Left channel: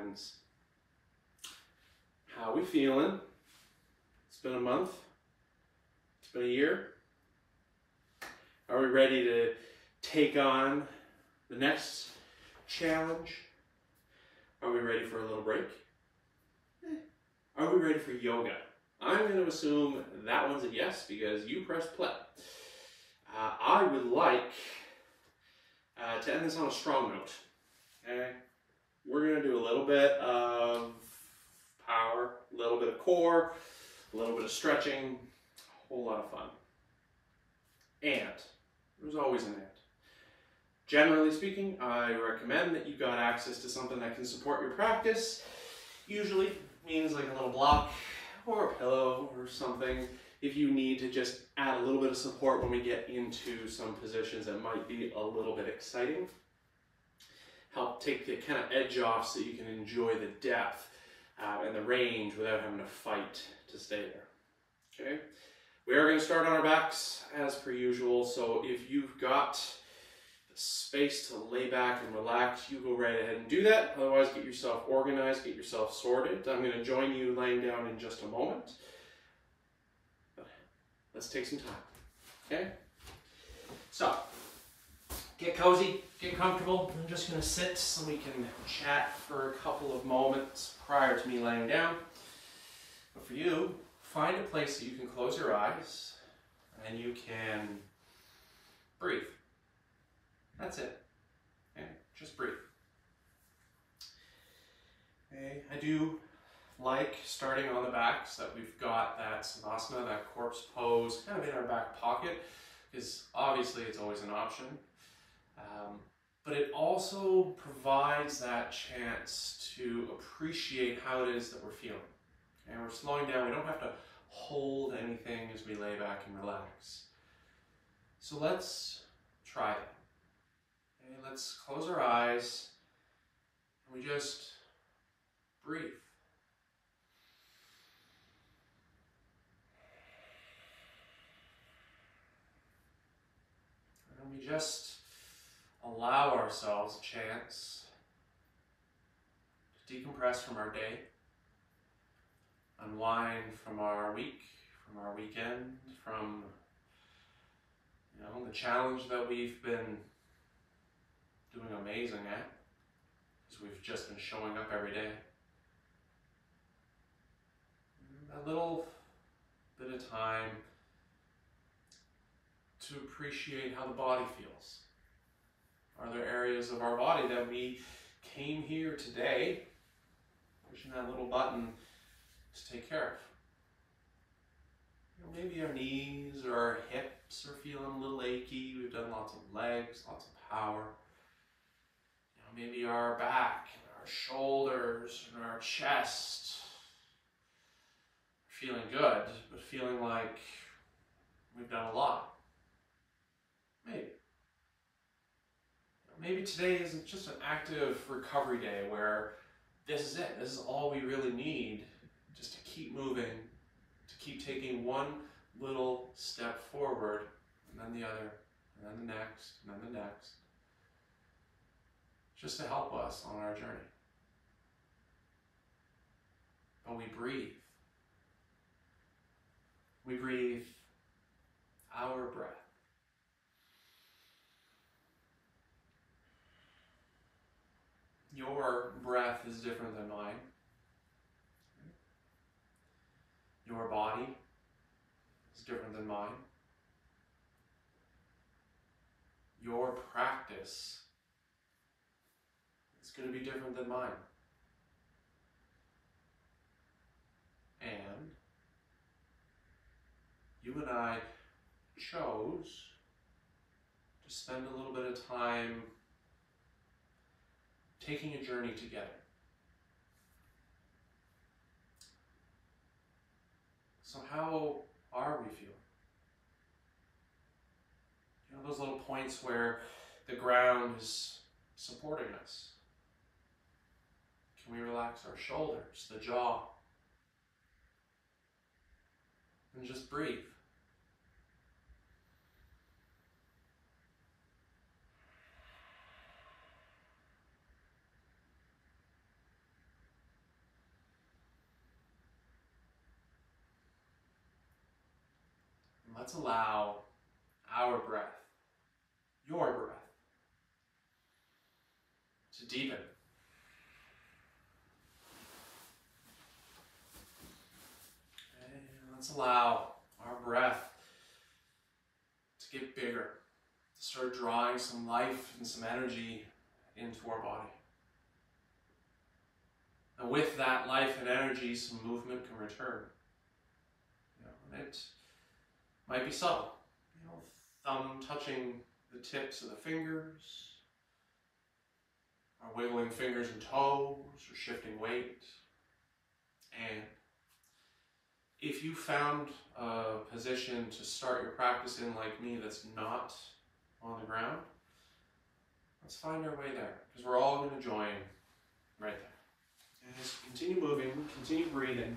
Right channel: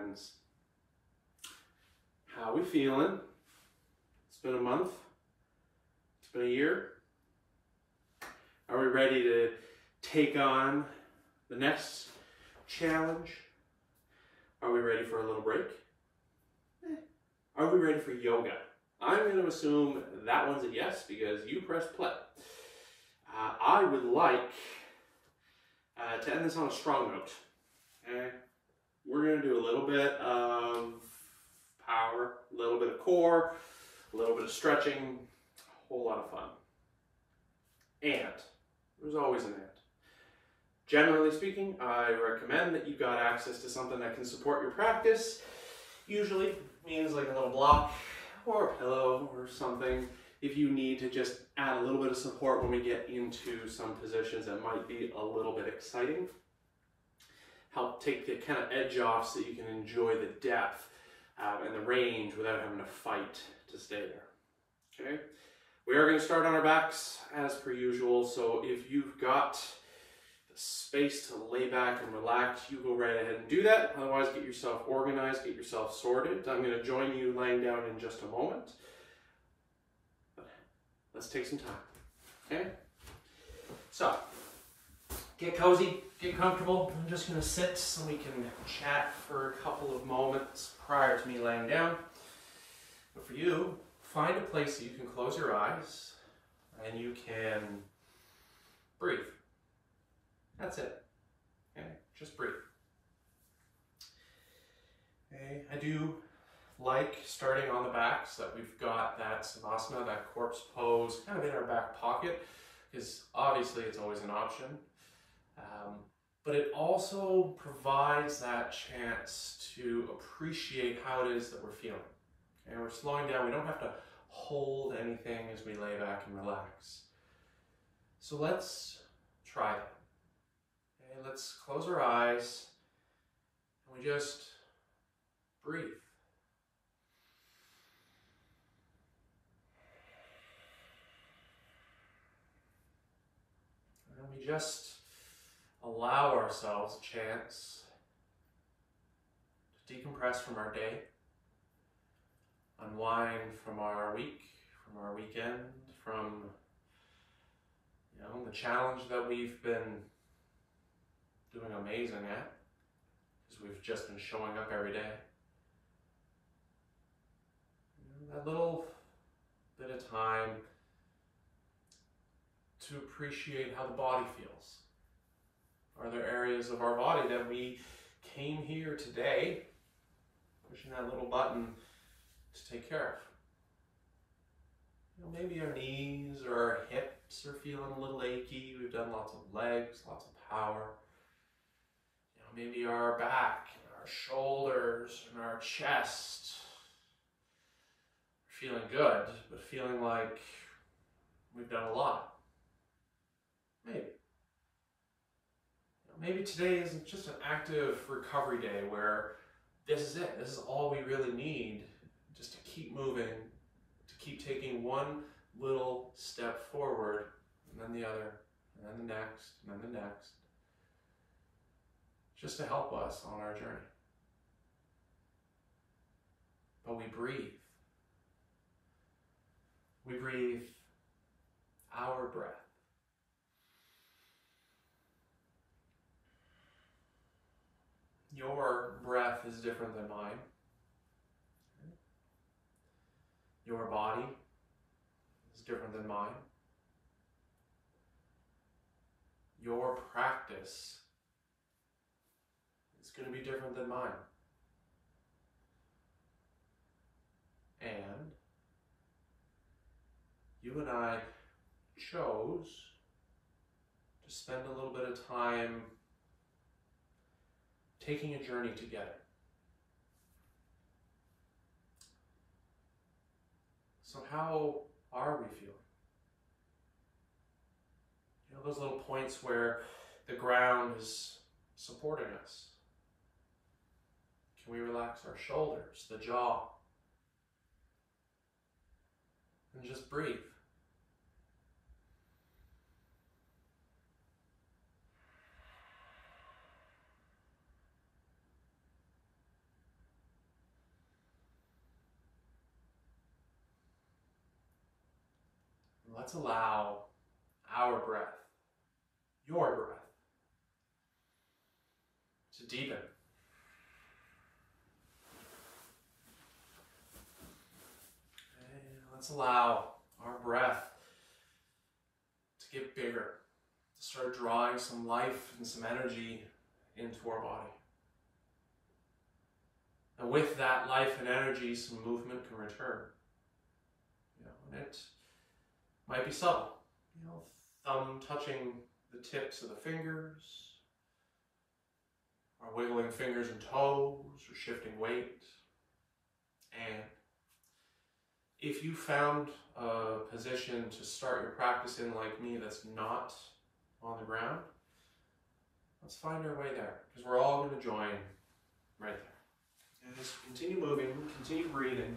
friends. How we feeling? It's been a month. It's been a year. Are we ready to take on the next challenge? Are we ready for a little break? Are we ready for yoga? I'm going to assume that one's a yes because you pressed play. I would like to end this on a strong note. Okay? We're going to do a little bit of power, a little bit of core, a little bit of stretching, a whole lot of fun. And there's always an and. Generally speaking, I recommend that you got access to something that can support your practice. Usually means like a little block or a pillow or something if you need to just add a little bit of support when we get into some positions that might be a little bit exciting. Help take the kind of edge off so you can enjoy the depth and the range without having to fight to stay there. Okay? We are going to start on our backs as per usual, so if you've got the space to lay back and relax, you go right ahead and do that. Otherwise, get yourself organized, get yourself sorted. I'm going to join you laying down in just a moment. But let's take some time. Okay? So, get cozy, get comfortable. I'm just going to sit so we can chat for a couple of moments prior to me laying down. But for you, find a place that you can close your eyes and you can breathe. That's it. Okay? Just breathe. Okay? I do like starting on the back so that we've got that savasana, that corpse pose, kind of in our back pocket, because obviously it's always an option. But it also provides that chance to appreciate how it is that we're feeling. Okay? We're slowing down. We don't have to hold anything as we lay back and relax. So let's try that. Okay? Let's close our eyes and we just breathe. And we just allow ourselves a chance to decompress from our day, unwind from our week, from our weekend, from the challenge that we've been doing amazing at, because we've just been showing up every day. A little bit of time to appreciate how the body feels. Are there areas of our body that we came here today, pushing that little button to take care of? Maybe our knees or our hips are feeling a little achy. We've done lots of legs, lots of power. Maybe our back, and our shoulders, and our chest are feeling good, but feeling like we've done a lot. Maybe. Maybe today is just an active recovery day where this is it. This is all we really need just to keep moving, to keep taking one little step forward, and then the other, and then the next, and then the next, just to help us on our journey. But we breathe. We breathe our breath. Your breath is different than mine. Your body is different than mine. Your practice is going to be different than mine. And you and I chose to spend a little bit of time taking a journey together. So how are we feeling? Those little points where the ground is supporting us. Can we relax our shoulders, the jaw, and just breathe? let's allow our breath, your breath, to deepen. And let's allow our breath to get bigger, to start drawing some life and some energy into our body. And with that life and energy, some movement can return. And it might be subtle. Thumb touching the tips of the fingers, or wiggling fingers and toes, or shifting weight. And if you found a position to start your practice in like me that's not on the ground, let's find our way there, because we're all going to join right there. And just continue moving, continue breathing.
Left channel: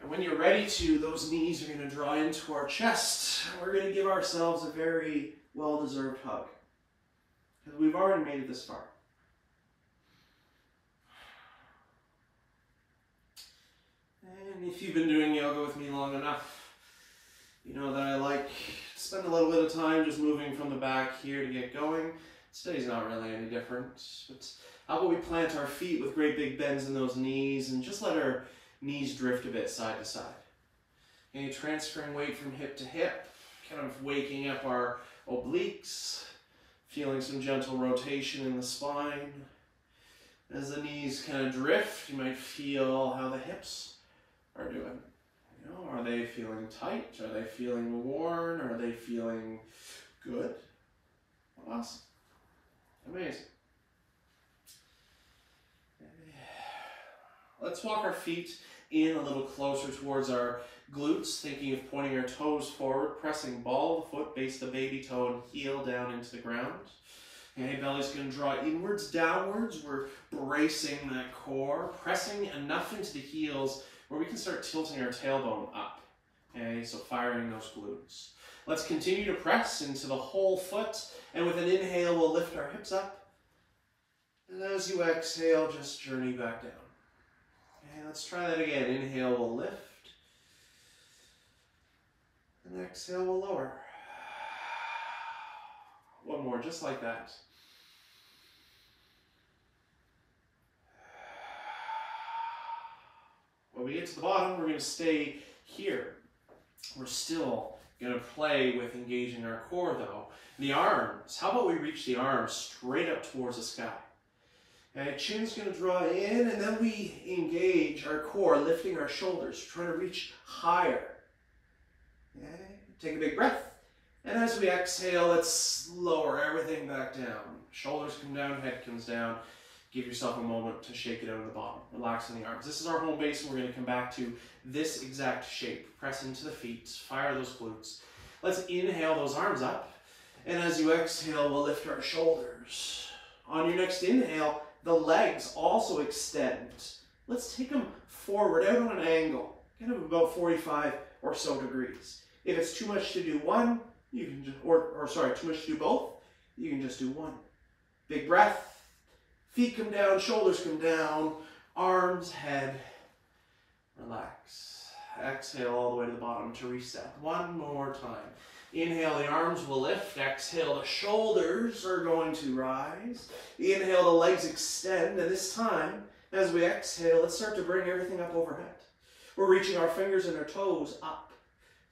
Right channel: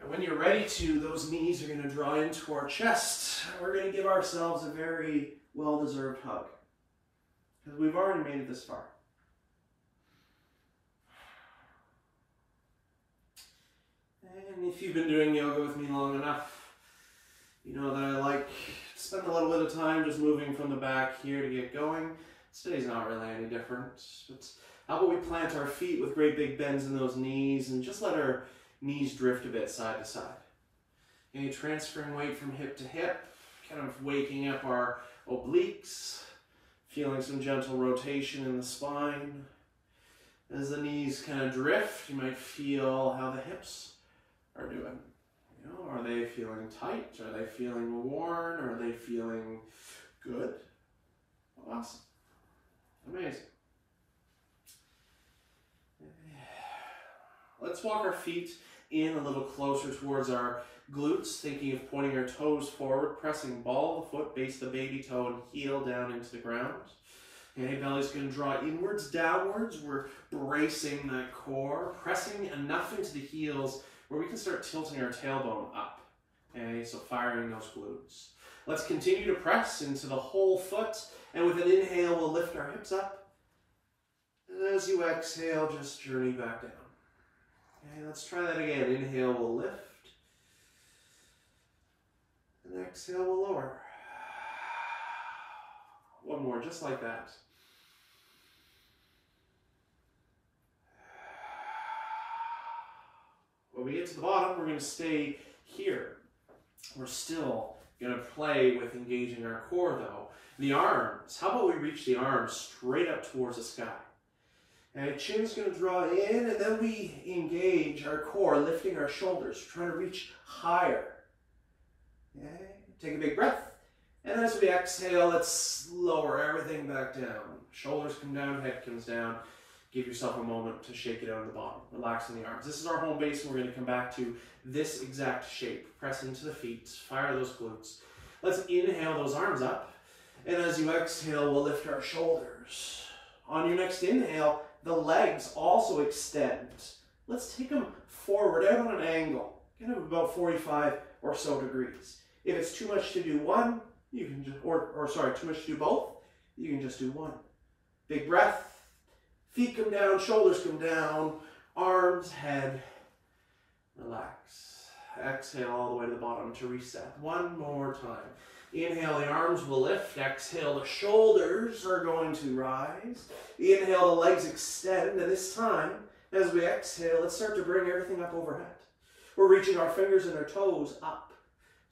And when you're ready to, those knees are going to draw into our chest. We're going to give ourselves a very well-deserved hug, because we've already made it this far. And if you've been doing yoga with me long enough, you know that I like to spend a little bit of time just moving from the back here to get going. Today's not really any different. But how about we plant our feet with great big bends in those knees and just let our knees drift a bit side to side. And transferring weight from hip to hip, kind of waking up our obliques, feeling some gentle rotation in the spine. As the knees kind of drift, you might feel how the hips are doing. Are they feeling tight? Are they feeling worn? Are they feeling good? Awesome. Amazing. Let's walk our feet in a little closer towards our glutes, thinking of pointing our toes forward, pressing ball of the foot, base the baby toe, and heel down into the ground. Okay, belly's going to draw inwards, downwards. We're bracing that core, pressing enough into the heels where we can start tilting our tailbone up. Okay, so firing those glutes. Let's continue to press into the whole foot, and with an inhale, we'll lift our hips up. And as you exhale, just journey back down. Okay, let's try that again. Inhale, we'll lift. And exhale, we'll lower. One more, just like that. When we get to the bottom, we're going to stay here. We're still going to play with engaging our core, though. The arms. How about we reach the arms straight up towards the sky? Okay, chin's going to draw in, and then we engage our core, lifting our shoulders, trying to reach higher. Okay, take a big breath. And as we exhale, let's lower everything back down. Shoulders come down, head comes down. Give yourself a moment to shake it out of the bottom, relaxing the arms. This is our home base, and we're going to come back to this exact shape. Press into the feet, fire those glutes. Let's inhale those arms up, and as you exhale, we'll lift our shoulders. On your next inhale, the legs also extend. Let's take them forward, out on an angle, kind of about 45 or so degrees. If it's too much to do one, you can just, too much to do both, you can just do one. Big breath. Feet come down, shoulders come down, arms, head, relax. Exhale all the way to the bottom to reset. One more time. Inhale, the arms will lift. Exhale, the shoulders are going to rise. Inhale, the legs extend. And this time, as we exhale, let's start to bring everything up overhead. We're reaching our fingers and our toes up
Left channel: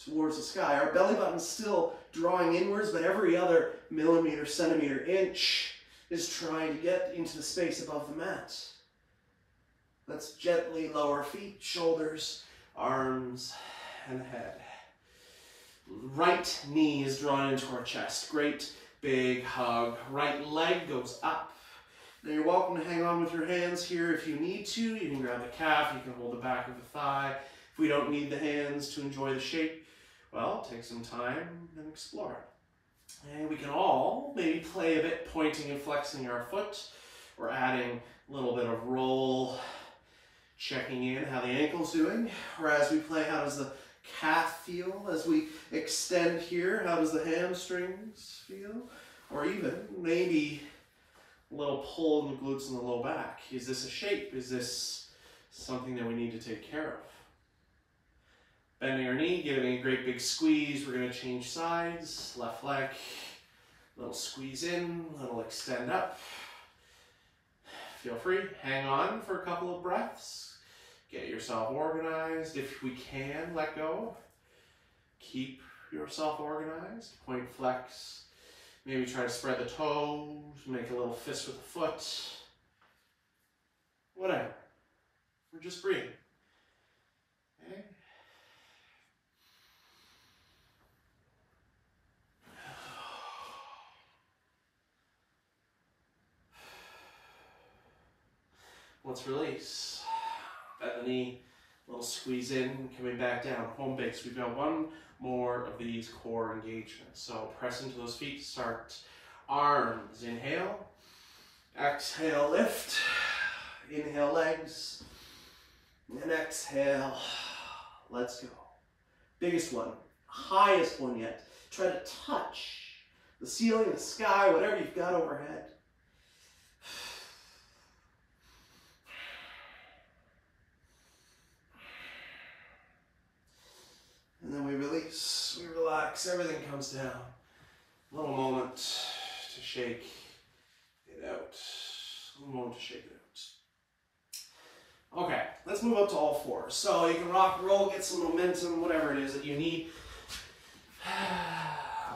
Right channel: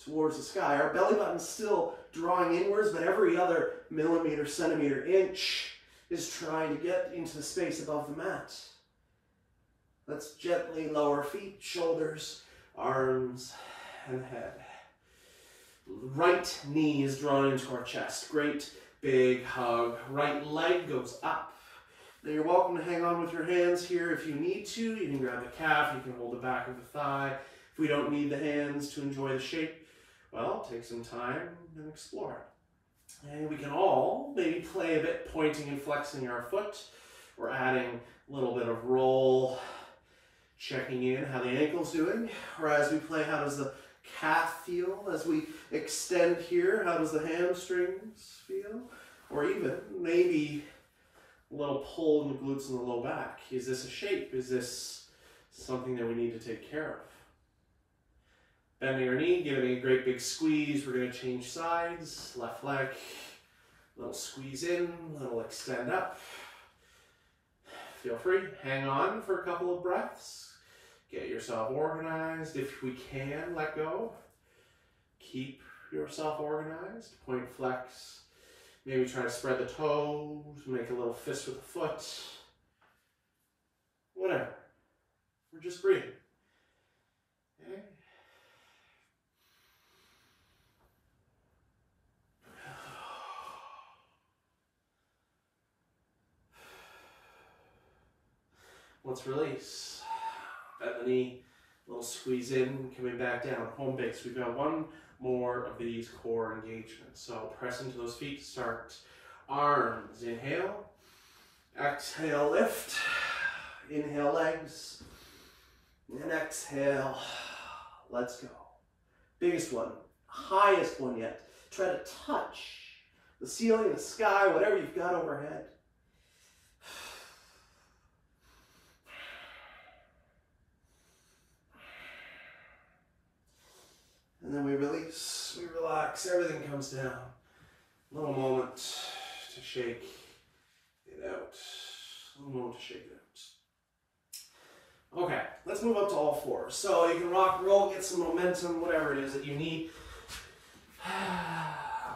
towards the sky. Our belly button's still drawing inwards, but every other millimeter, centimeter, inch is trying to get into the space above the mat. Let's gently lower feet, shoulders, arms, and head. Right knee is drawn into our chest. Great big hug. Right leg goes up. Now you're welcome to hang on with your hands here if you need to. You can grab the calf, you can hold the back of the thigh. If we don't need the hands to enjoy the shape, well, take some time and explore it. And we can all maybe play a bit pointing and flexing our foot. We're adding a little bit of roll, checking in how the ankle's doing. Or as we play, how does the calf feel? As we extend here, how does the hamstrings feel? Or even maybe a little pull in the glutes and the low back. Is this a shape? Is this something that we need to take care of? Bending our knee, giving it a great big squeeze. We're going to change sides. Left leg, little squeeze in, little extend up. Feel free, hang on for a couple of breaths. Get yourself organized. If we can, let go. Keep yourself organized. Point flex. Maybe try to spread the toes. Make a little fist with the foot. Whatever. We're just breathing. Okay. Let's release. Bend the knee, a little squeeze in, coming back down. Home base. We've got one more of these core engagements. So press into those feet. Start arms. Inhale. Exhale, lift. Inhale, legs. And exhale. Let's go. Biggest one. Highest one yet. Try to touch the ceiling, the sky, whatever you've got overhead. And then we release, we relax, everything comes down. A little moment to shake it out. A little moment to shake it out. Okay, let's move up to all fours. So you can rock, roll, get some momentum, whatever it is that you need.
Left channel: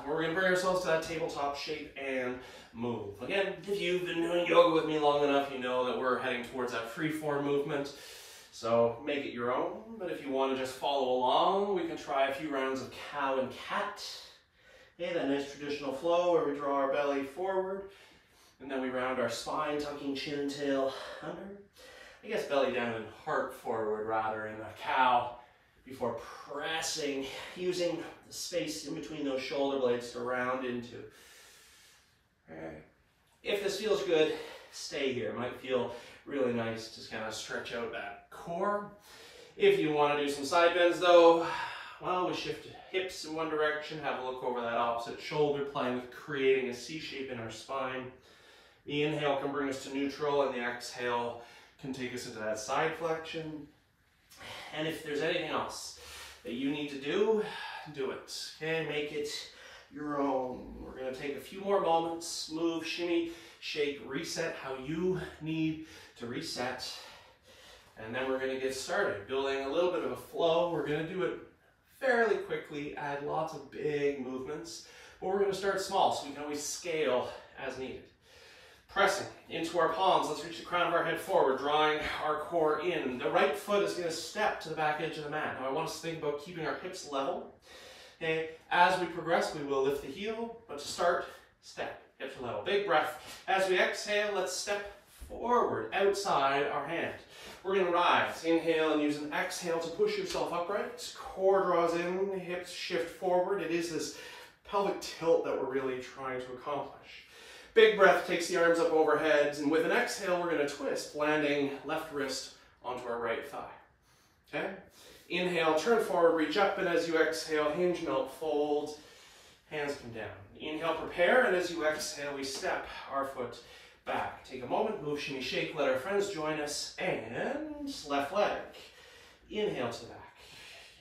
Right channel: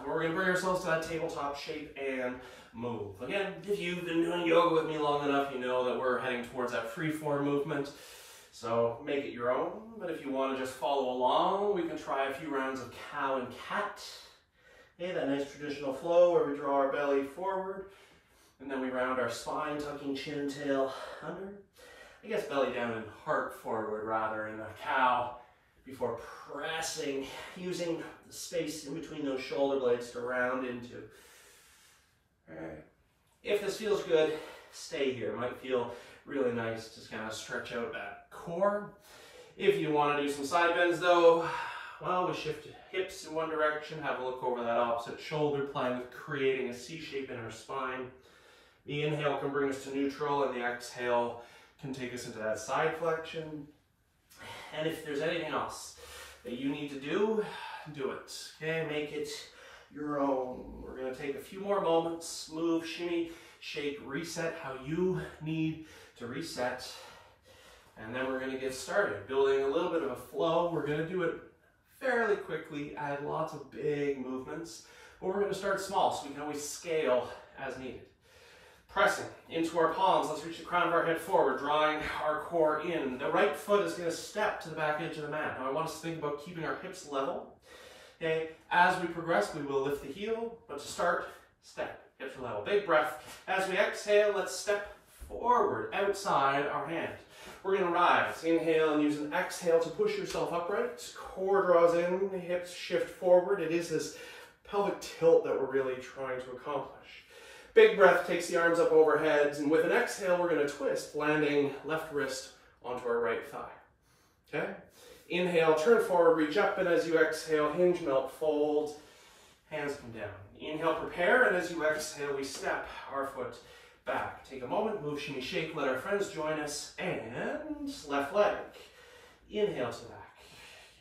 We're going to bring ourselves to that tabletop shape and move. Again, if you've been doing yoga with me long enough, you know that we're heading towards that free form movement. So make it your own, but if you want to just follow along, we can try a few rounds of cow and cat. Okay, that nice traditional flow where we draw our belly forward, and then we round our spine, tucking chin and tail under. I guess belly down and heart forward rather in the cow, before pressing, using the space in between those shoulder blades to round into. All right. If this feels good, stay here. It might feel really nice to kind of stretch out that core. If you want to do some side bends though, well, we shift hips in one direction, have a look over that opposite shoulder, playing with creating a C shape in our spine. The inhale can bring us to neutral, and the exhale can take us into that side flexion. And if there's anything else that you need to do, do it. Okay, make it your own. We're going to take a few more moments, move, shimmy, shake, reset how you need to reset. And then we're going to get started, building a little bit of a flow. We're going to do it fairly quickly, add lots of big movements, but we're going to start small so we can always scale as needed. Pressing into our palms, let's reach the crown of our head forward, drawing our core in. The right foot is going to step to the back edge of the mat. Now I want us to think about keeping our hips level. Okay, as we progress, we will lift the heel, but to start, step, hips level. Big breath. As we exhale, let's step forward, outside our hand. We're going to rise. Inhale and use an exhale to push yourself upright. Core draws in, hips shift forward. It is this pelvic tilt that we're really trying to accomplish. Big breath takes the arms up overhead, and with an exhale, we're going to twist, landing left wrist onto our right thigh. Okay? Inhale, turn forward, reach up, and as you exhale, hinge, melt, fold, hands come down. Inhale, prepare, and as you exhale, we step our foot back. Take a moment, move, shimmy, shake, let our friends join us, and left leg. Inhale to the back,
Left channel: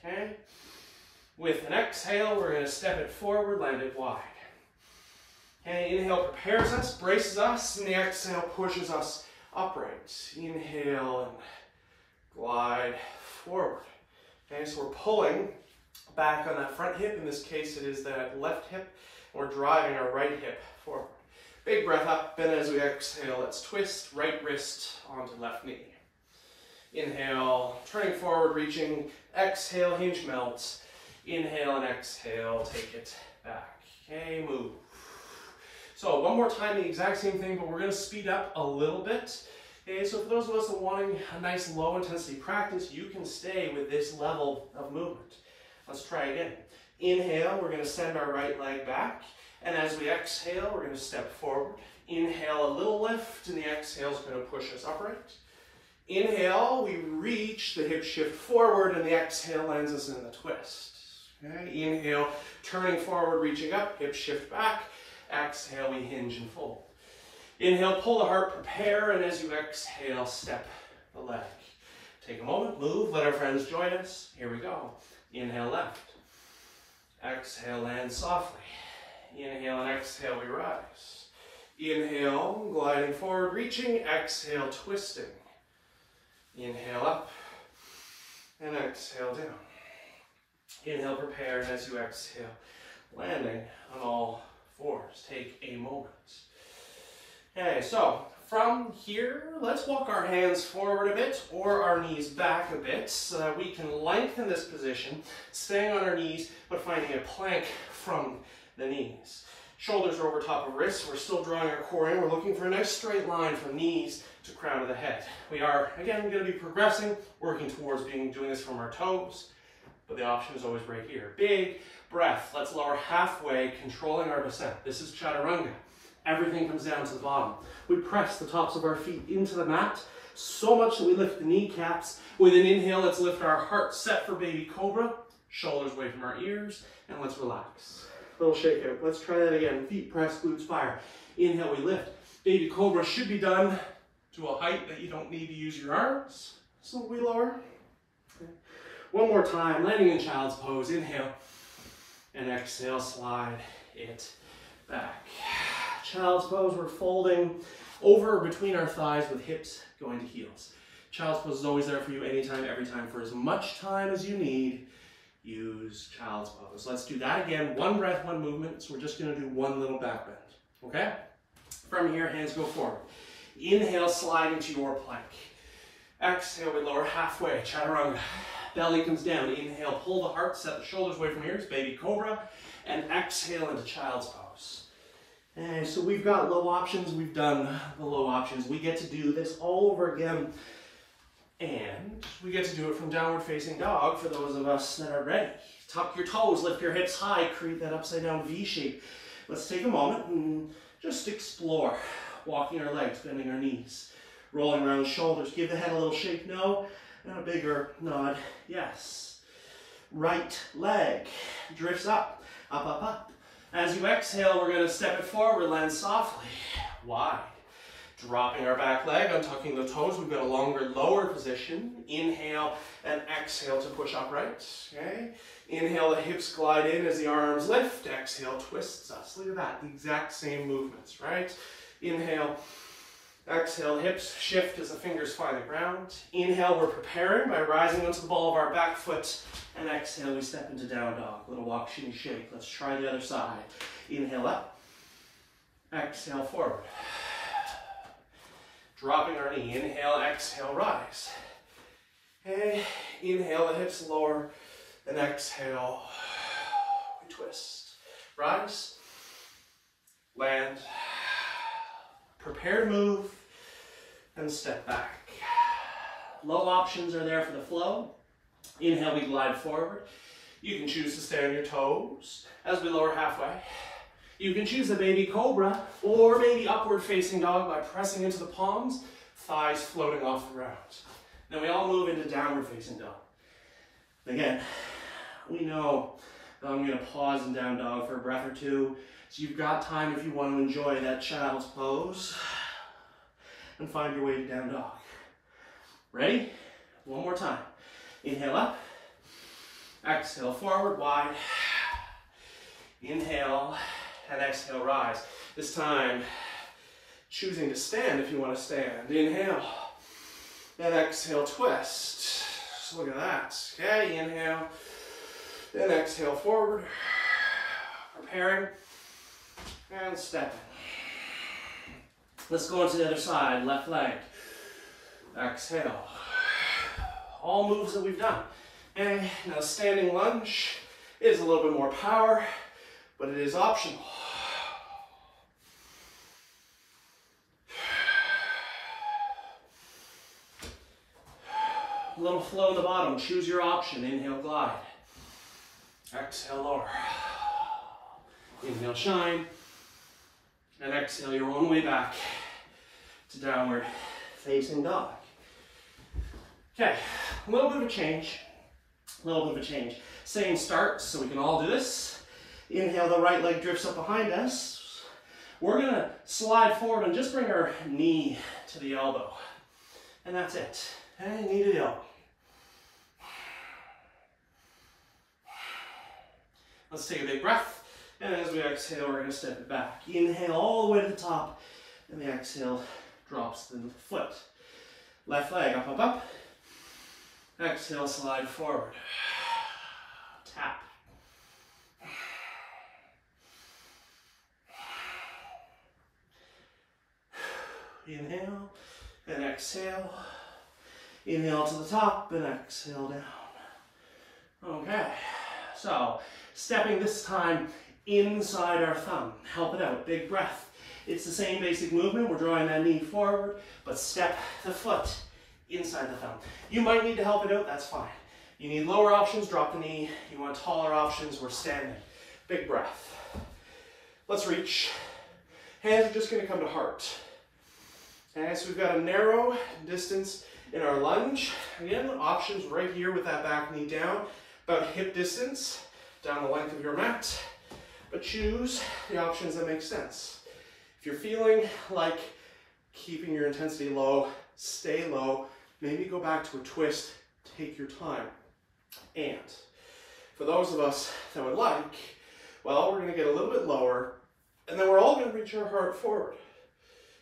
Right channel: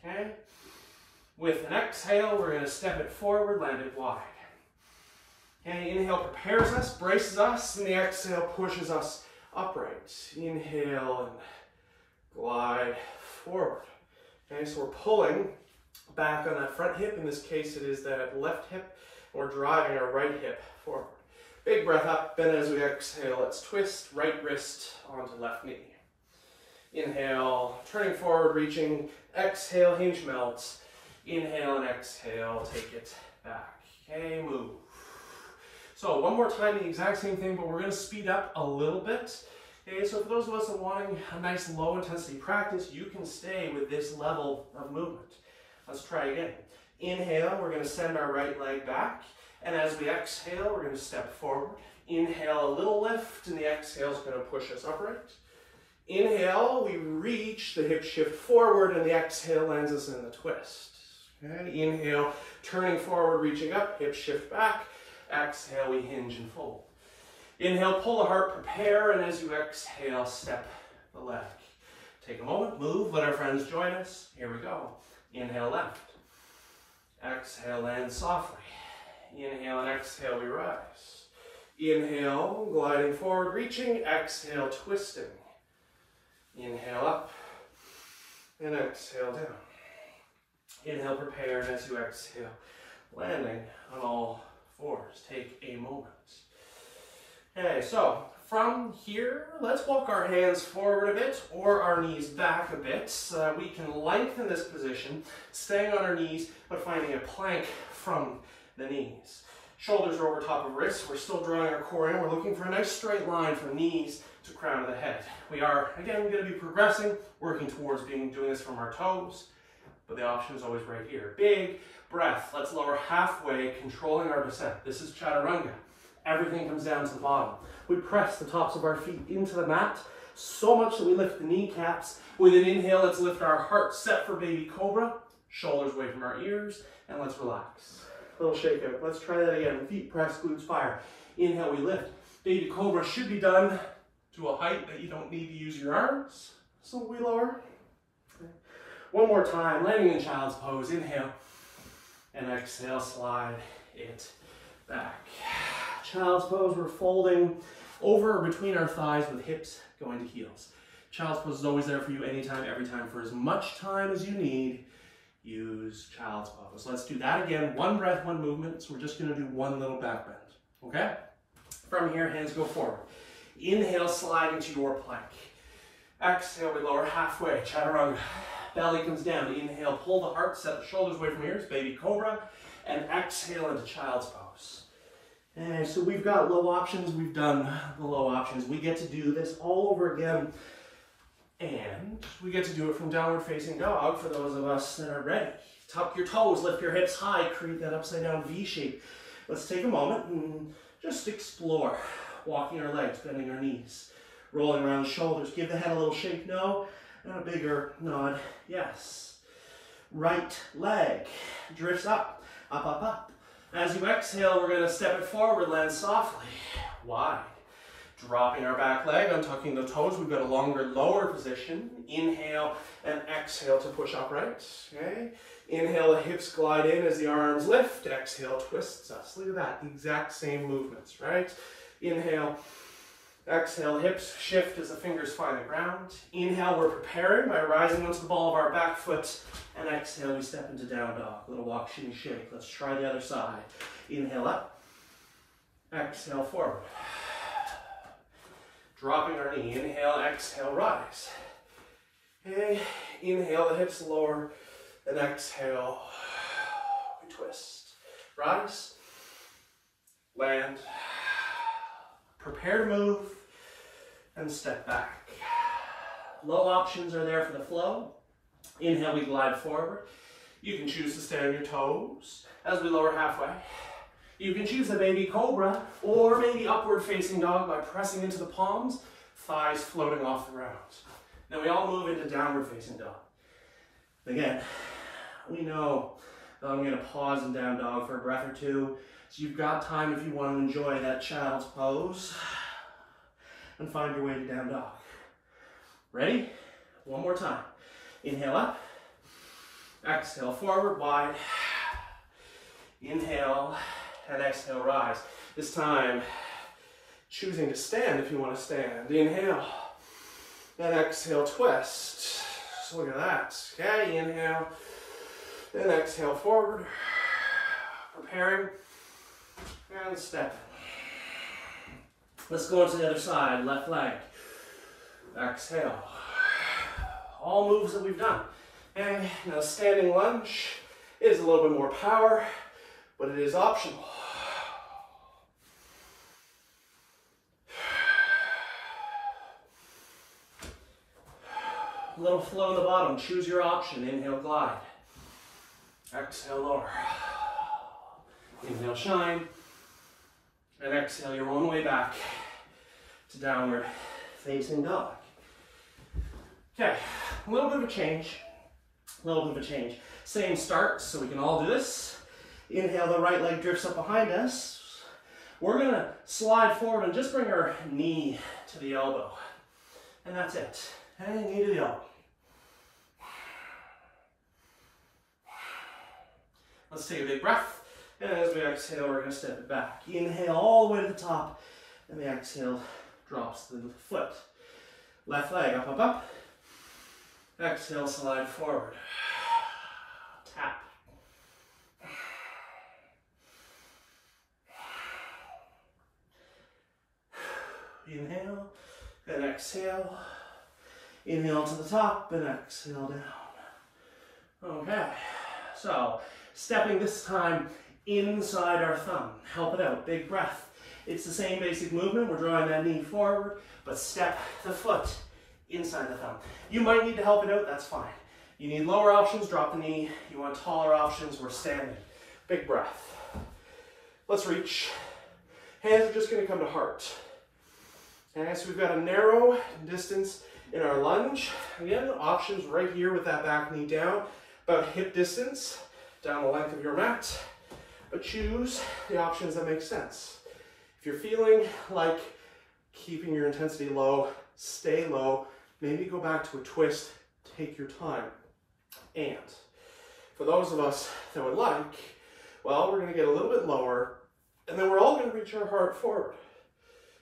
okay? With an exhale, we're going to step it forward, land it wide. Okay, inhale prepares us, braces us, and the exhale pushes us upright. Inhale and glide forward. Okay, so we're pulling back on that front hip. In this case, it is that left hip, and we're driving our right hip forward. Big breath up, and as we exhale, let's twist right wrist onto left knee. Inhale, turning forward, reaching. Exhale, hinge melt. Inhale and exhale, take it back. Okay, move. So one more time, the exact same thing, but we're going to speed up a little bit. Okay, so for those of us that are wanting a nice low intensity practice, you can stay with this level of movement. Let's try again. Inhale, we're going to send our right leg back. And as we exhale, we're going to step forward. Inhale, a little lift, and the exhale is going to push us upright. Inhale, we reach, the hip shift forward, and the exhale lands us in the twist. Okay, inhale, turning forward, reaching up, hip shift back. Exhale, we hinge and fold. Inhale, pull the heart, prepare, and as you exhale, step the leg. Take a moment, move, let our friends join us. Here we go. Inhale, left. Exhale, land softly. Inhale and exhale, we rise. Inhale, gliding forward, reaching. Exhale, twisting. Inhale, up. And exhale, down. Inhale, prepare, and as you exhale, landing on all fours. Take a moment. Okay, so from here, let's walk our hands forward a bit or our knees back a bit so that we can lengthen this position, staying on our knees, but finding a plank from the knees. Shoulders are over top of wrists. We're still drawing our core in. We're looking for a nice straight line from knees to crown of the head. We are, again, going to be progressing, working towards doing this from our toes, but the option is always right here. Big breath. Let's lower halfway, controlling our descent. This is chaturanga. Everything comes down to the bottom. We press the tops of our feet into the mat so much that we lift the kneecaps. With an inhale, let's lift our heart, set for baby cobra. Shoulders away from our ears, and let's relax. A little shake out. Let's try that again. Feet press, glutes fire. Inhale, we lift. Baby cobra should be done to a height that you don't need to use your arms. So we lower. Okay. One more time, landing in child's pose. Inhale, and exhale, slide it back. Child's pose, we're folding over between our thighs with hips going to heels. Child's pose is always there for you anytime, every time, for as much time as you need. Use child's pose. Let's do that again. One breath, one movement. So we're just going to do one little back bend. Okay? From here, hands go forward. Inhale, sliding to your plank. Exhale, we lower halfway. Chaturanga. Belly comes down. Inhale, pull the heart, set the shoulders away from ears. Baby cobra. And exhale into child's pose. And so we've got low options. We've done the low options. We get to do this all over again. And we get to do it from downward facing dog for those of us that are ready. Tuck your toes, lift your hips high, create that upside down V shape. Let's take a moment and just explore. Walking our legs, bending our knees, rolling around shoulders. Give the head a little shake, no, and a bigger nod, yes. Right leg drifts up, up, up, up. As you exhale, we're going to step it forward, land softly, wide. Dropping our back leg, untucking the toes. We've got a longer, lower position. Inhale and exhale to push upright. Okay. Inhale, the hips glide in as the arms lift. Exhale, twists us. Look at that. The exact same movements, right? Inhale, exhale, hips shift as the fingers find the ground. Inhale, we're preparing by rising onto the ball of our back foot. And exhale, we step into down dog. Little walk, shimmy, shake. Let's try the other side. Inhale up. Exhale, forward. Dropping our knee. Inhale, exhale, rise. Okay. Inhale, the hips lower. And exhale, we twist. Rise. Land. Prepare to move. And step back. Low options are there for the flow. Inhale, we glide forward. You can choose to stay on your toes as we lower halfway. You can choose the baby cobra or maybe upward facing dog by pressing into the palms, thighs floating off the ground. Then we all move into downward facing dog. Again, we know that I'm going to pause in down dog for a breath or two. So you've got time if you want to enjoy that child's pose and find your way to down dog. Ready? One more time. Inhale up. Exhale forward, wide. Inhale. And exhale, rise. This time, choosing to stand if you want to stand. Inhale. And exhale, twist. So look at that. Okay, inhale. Then exhale forward. Preparing. And stepping. Let's go into the other side. Left leg. Exhale. All moves that we've done. Okay, now standing lunge is a little bit more power, but it is optional. A little flow in the bottom. Choose your option. Inhale, glide. Exhale, lower. Inhale, shine. And exhale your own way back to downward facing dog. Okay, a little bit of a change. A little bit of a change. Same start, so we can all do this. Inhale, the right leg drifts up behind us. We're going to slide forward and just bring our knee to the elbow. And that's it. Okay, knee to the elbow. Let's take a big breath. And as we exhale, we're going to step it back. Inhale all the way to the top. And the exhale drops the foot. Left leg up, up, up. Exhale, slide forward. Tap. Inhale and exhale. Inhale to the top and exhale down. Okay, so stepping this time inside our thumb. Help it out, big breath. It's the same basic movement. We're drawing that knee forward, but step the foot inside the thumb. You might need to help it out, that's fine. You need lower options, drop the knee. You want taller options, we're standing. Big breath. Let's reach. Hands are just gonna come to heart. Okay, so we've got a narrow distance in our lunge. Again, options right here with that back knee down, about hip distance, down the length of your mat. But choose the options that make sense. If you're feeling like keeping your intensity low, stay low. Maybe go back to a twist, take your time. And for those of us that would like, well, we're gonna get a little bit lower, and then we're all gonna reach our heart forward.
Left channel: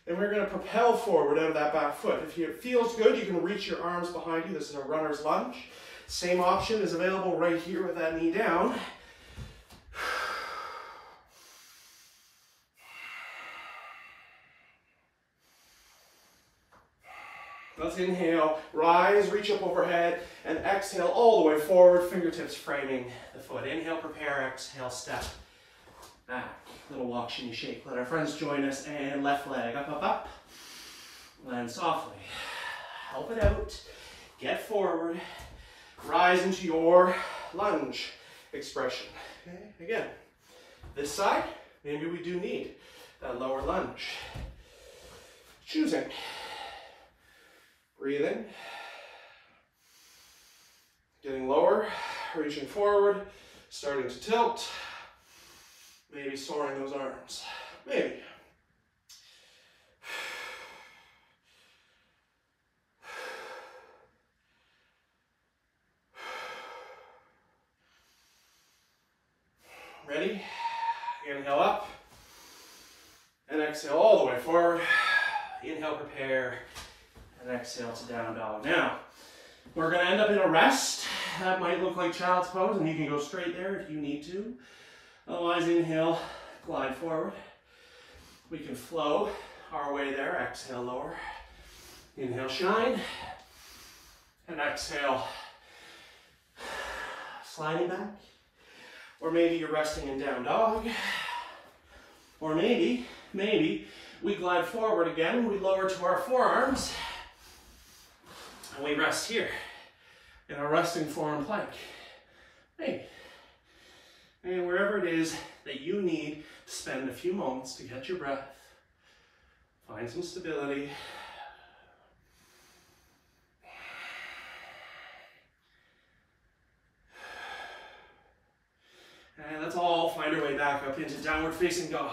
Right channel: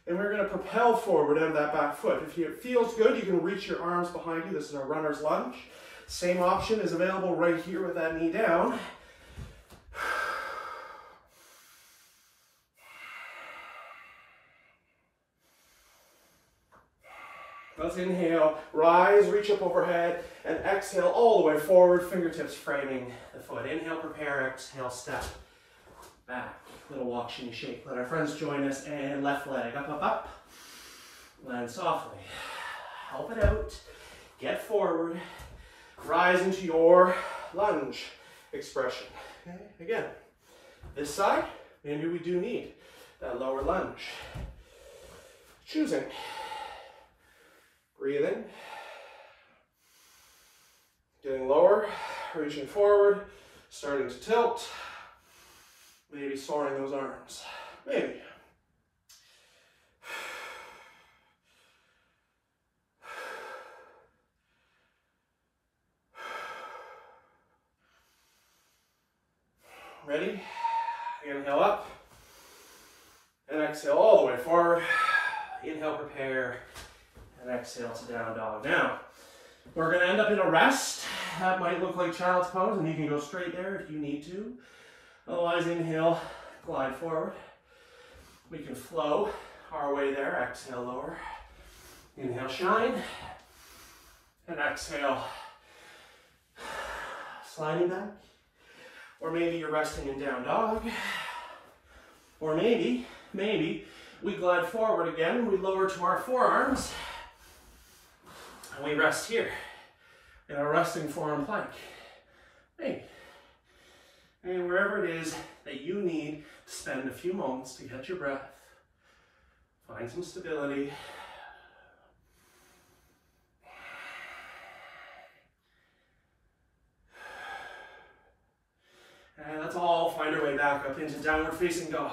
And we're gonna propel forward out of that back foot. If it feels good, you can reach your arms behind you. This is a runner's lunge. Same option is available right here with that knee down. Let's inhale, rise, reach up overhead, and exhale all the way forward, fingertips framing the foot. Inhale, prepare, exhale, step back. Little walk, shimmy, shake. Let our friends join us, and left leg up, up, up. Land softly. Help it out. Get forward. Rise into your lunge expression. Okay? Again, this side, maybe we do need that lower lunge. Choosing. Breathing. Getting lower, reaching forward, starting to tilt. Maybe soaring those arms. Maybe. Ready? Inhale up. And exhale all the way forward. Inhale, prepare. And exhale to down dog. Now, we're going to end up in a rest. That might look like child's pose, and you can go straight there if you need to. Otherwise, inhale, glide forward. We can flow our way there. Exhale, lower. Inhale, shine. And exhale, sliding back. Or maybe you're resting in down dog. Or maybe we glide forward again. We lower to our forearms. And we rest here in our resting forearm plank. Maybe. And wherever it is that you need to spend a few moments to get your breath, find some stability. And let's all find our way back up into downward facing dog.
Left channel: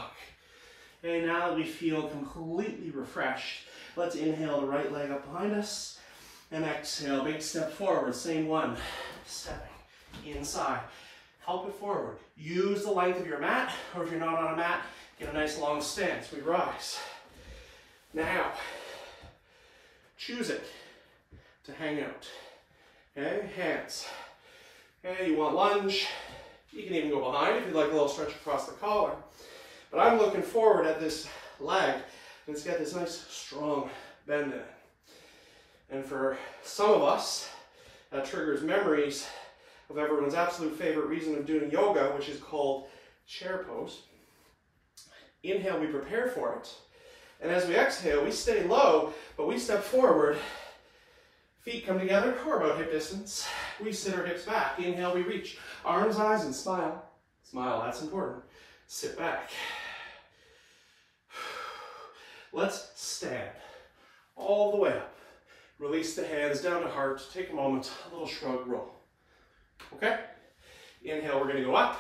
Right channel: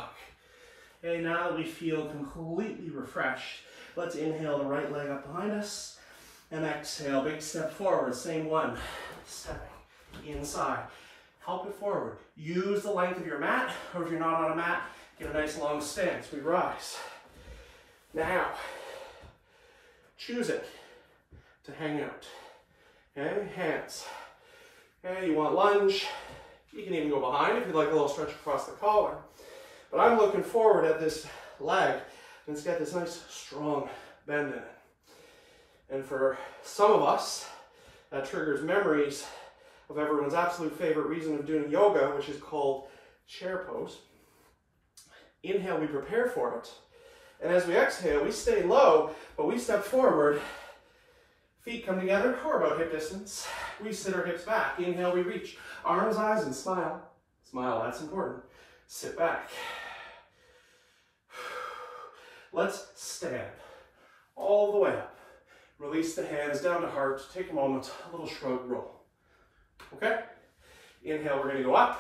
Okay, now that we feel completely refreshed, let's inhale the right leg up behind us and exhale, big step forward, same one, stepping inside. Help it forward. Use the length of your mat, or if you're not on a mat, get a nice long stance. We rise. Now, choose it to hang out. Okay, hands. Okay, you want lunge. You can even go behind if you'd like a little stretch across the collar. But I'm looking forward at this leg, and it's got this nice, strong bend in it. And for some of us, that triggers memories of everyone's absolute favorite reason of doing yoga, which is called chair pose. Inhale, we prepare for it. And as we exhale, we stay low, but we step forward. Feet come together, or about hip distance. We sit our hips back. Inhale, we reach. Arms, eyes, and smile. Smile, that's important. Sit back. Let's stand all the way up. Release the hands down to heart. Take a moment, a little shrug, roll. Okay? Inhale, we're going to go up.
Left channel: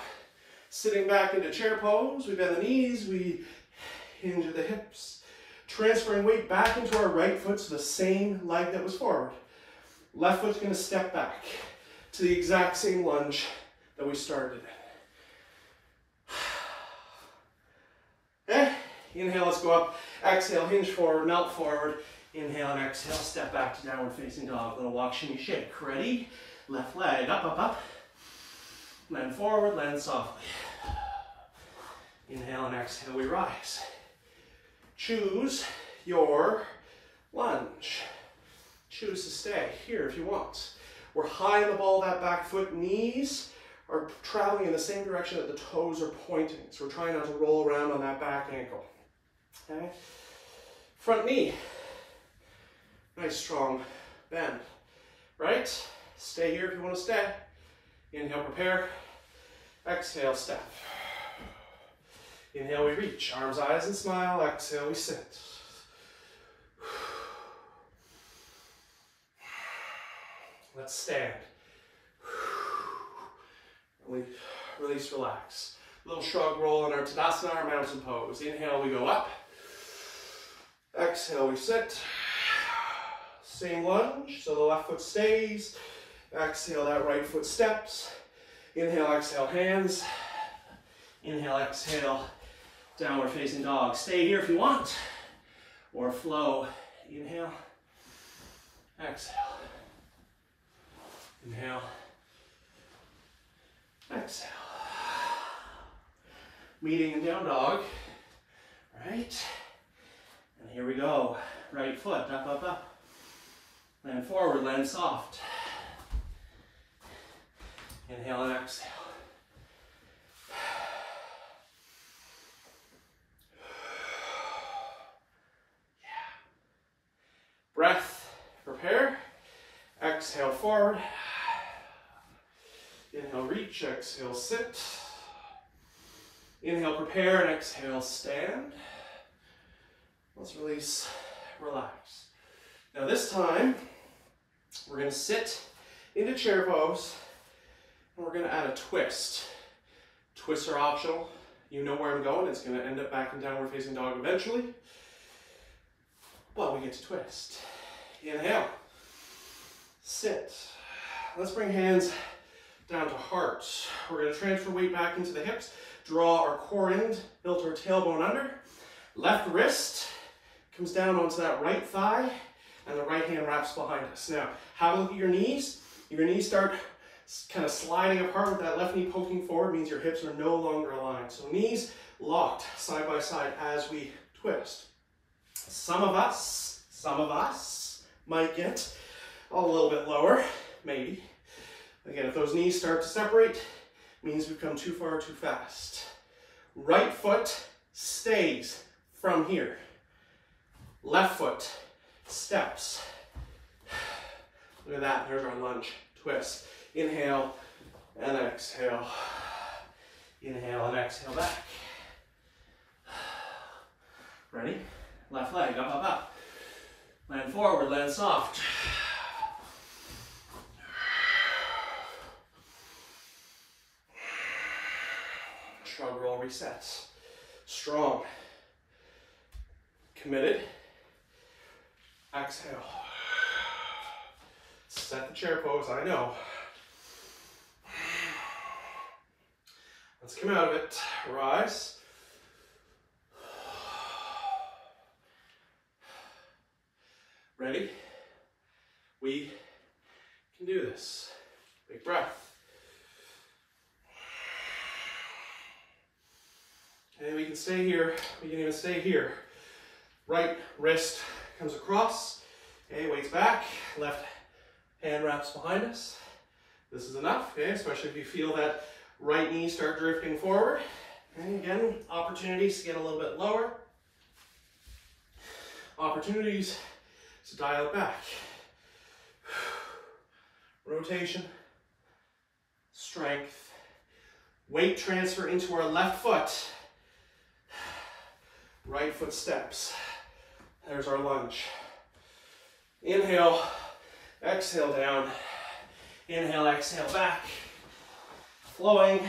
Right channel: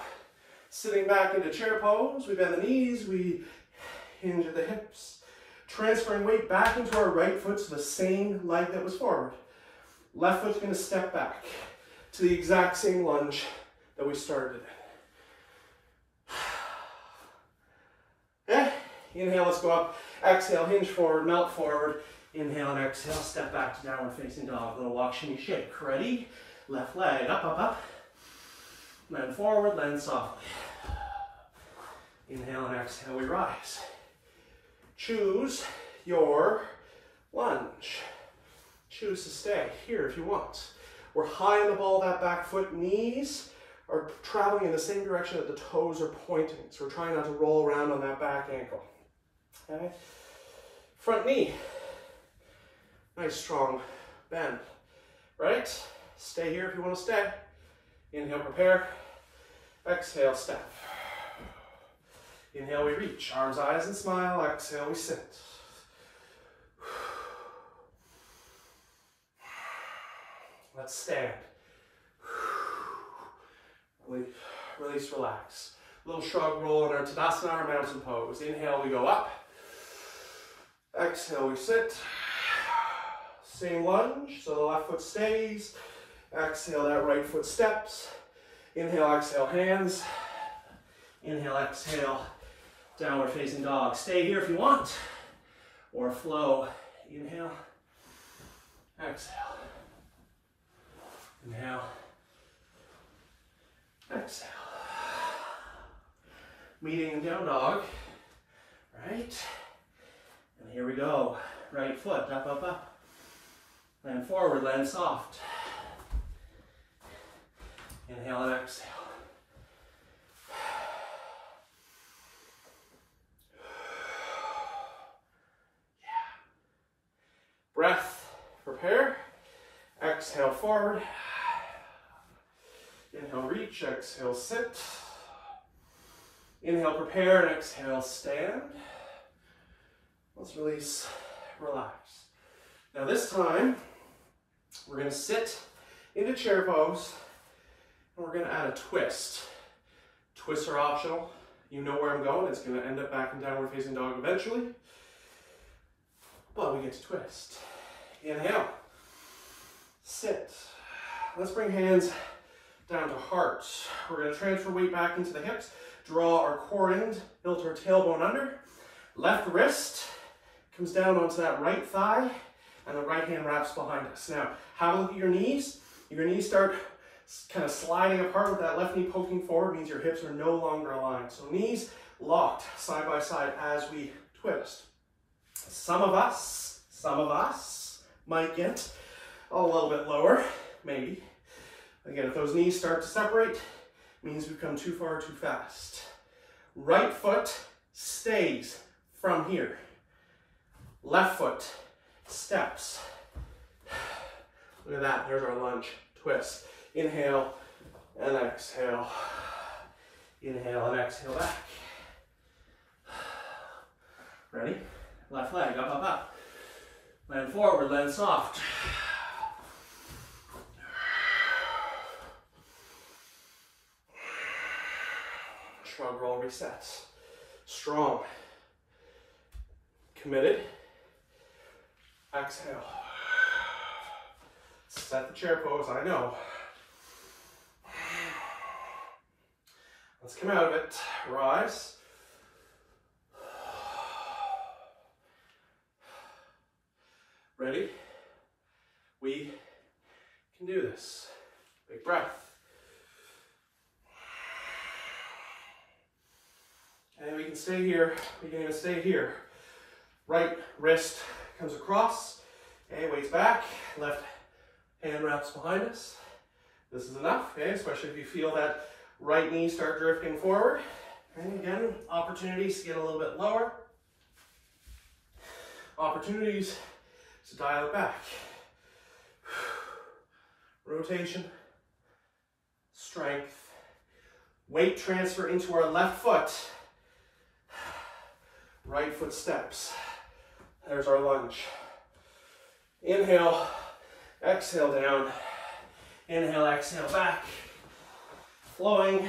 Sitting back into chair pose. We bend the knees. We hinge at the hips. Transferring weight back into our right foot, so the same leg that was forward. Left foot's going to step back to the exact same lunge that we started in. Inhale, let's go up. Exhale, hinge forward, melt forward. Inhale and exhale, step back to downward facing dog. Little walk, shimmy, shake. Ready? Left leg, up, up, up. Land forward, land softly. Inhale and exhale, we rise. Choose your lunge. Choose to stay here if you want. We're high on the ball of that back foot. Knees are traveling in the same direction that the toes are pointing. So we're trying not to roll around on that back ankle. Okay? Front knee. Nice strong bend. Right? Stay here if you want to stay. Inhale, prepare. Exhale, step. Inhale, we reach. Arms, eyes, and smile. Exhale, we sit. Let's stand. Release, relax. Little shrug roll in our Tadasana, our mountain pose. Inhale, we go up. Exhale, we sit. Same lunge, so the left foot stays. Exhale, that right foot steps. Inhale, exhale, hands. Inhale, exhale, downward facing dog. Stay here if you want, or flow. Inhale, exhale. Inhale, exhale. Meeting in down dog, right? And here we go. Right foot, up, up, up. Land forward, land soft. Inhale and exhale. Yeah. Breath, prepare. Exhale, forward. Inhale, reach. Exhale, sit. Inhale, prepare, and exhale, stand. Let's release, relax. Now this time, we're going to sit into chair pose, and we're going to add a twist. Twists are optional. You know where I'm going. It's going to end up back in downward facing dog eventually. But we get to twist. Inhale. Sit. Let's bring hands down to heart. We're going to transfer weight back into the hips. Draw our core in, build our tailbone under. Left wrist comes down onto that right thigh, and the right hand wraps behind us. Now, have a look at your knees. Your knees start kind of sliding apart with that left knee poking forward, means your hips are no longer aligned. So knees locked side by side as we twist. Some of us might get a little bit lower, maybe. Again, if those knees start to separate, means we've come too far too fast. Right foot stays from here. Left foot steps. Look at that, there's our lunge. Twist. Inhale and exhale. Inhale and exhale back. Ready? Left leg, up, up, up. Land forward, land soft. Shrug, roll, resets. Strong. Committed. Exhale. Set the chair pose, I know. Let's come out of it. Rise. Ready? We can do this. Big breath. And we can stay here. We can even stay here. Right wrist comes across. Okay, weight's back. Left hand wraps behind us. This is enough, okay? Especially if you feel that right knee start drifting forward. Okay, again, opportunities to get a little bit lower. Opportunities to dial it back. Rotation, strength, weight transfer into our left foot. Right foot steps. There's our lunge. Inhale, exhale down. Inhale, exhale back. Flowing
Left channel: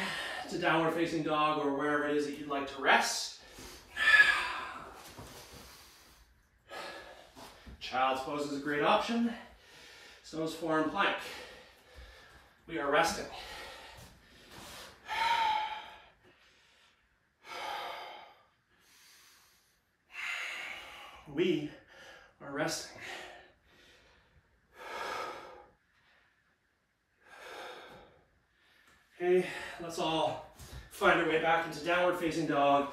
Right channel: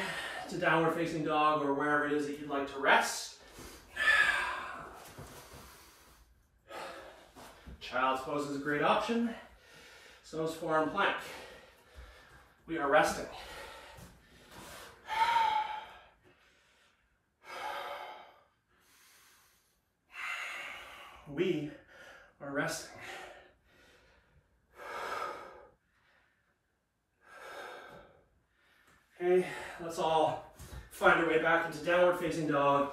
to downward facing dog or wherever it is that you'd like to rest. Child's pose is a great option. So is forearm plank. We are resting. We are resting. Okay, let's all find our way back into downward facing dog,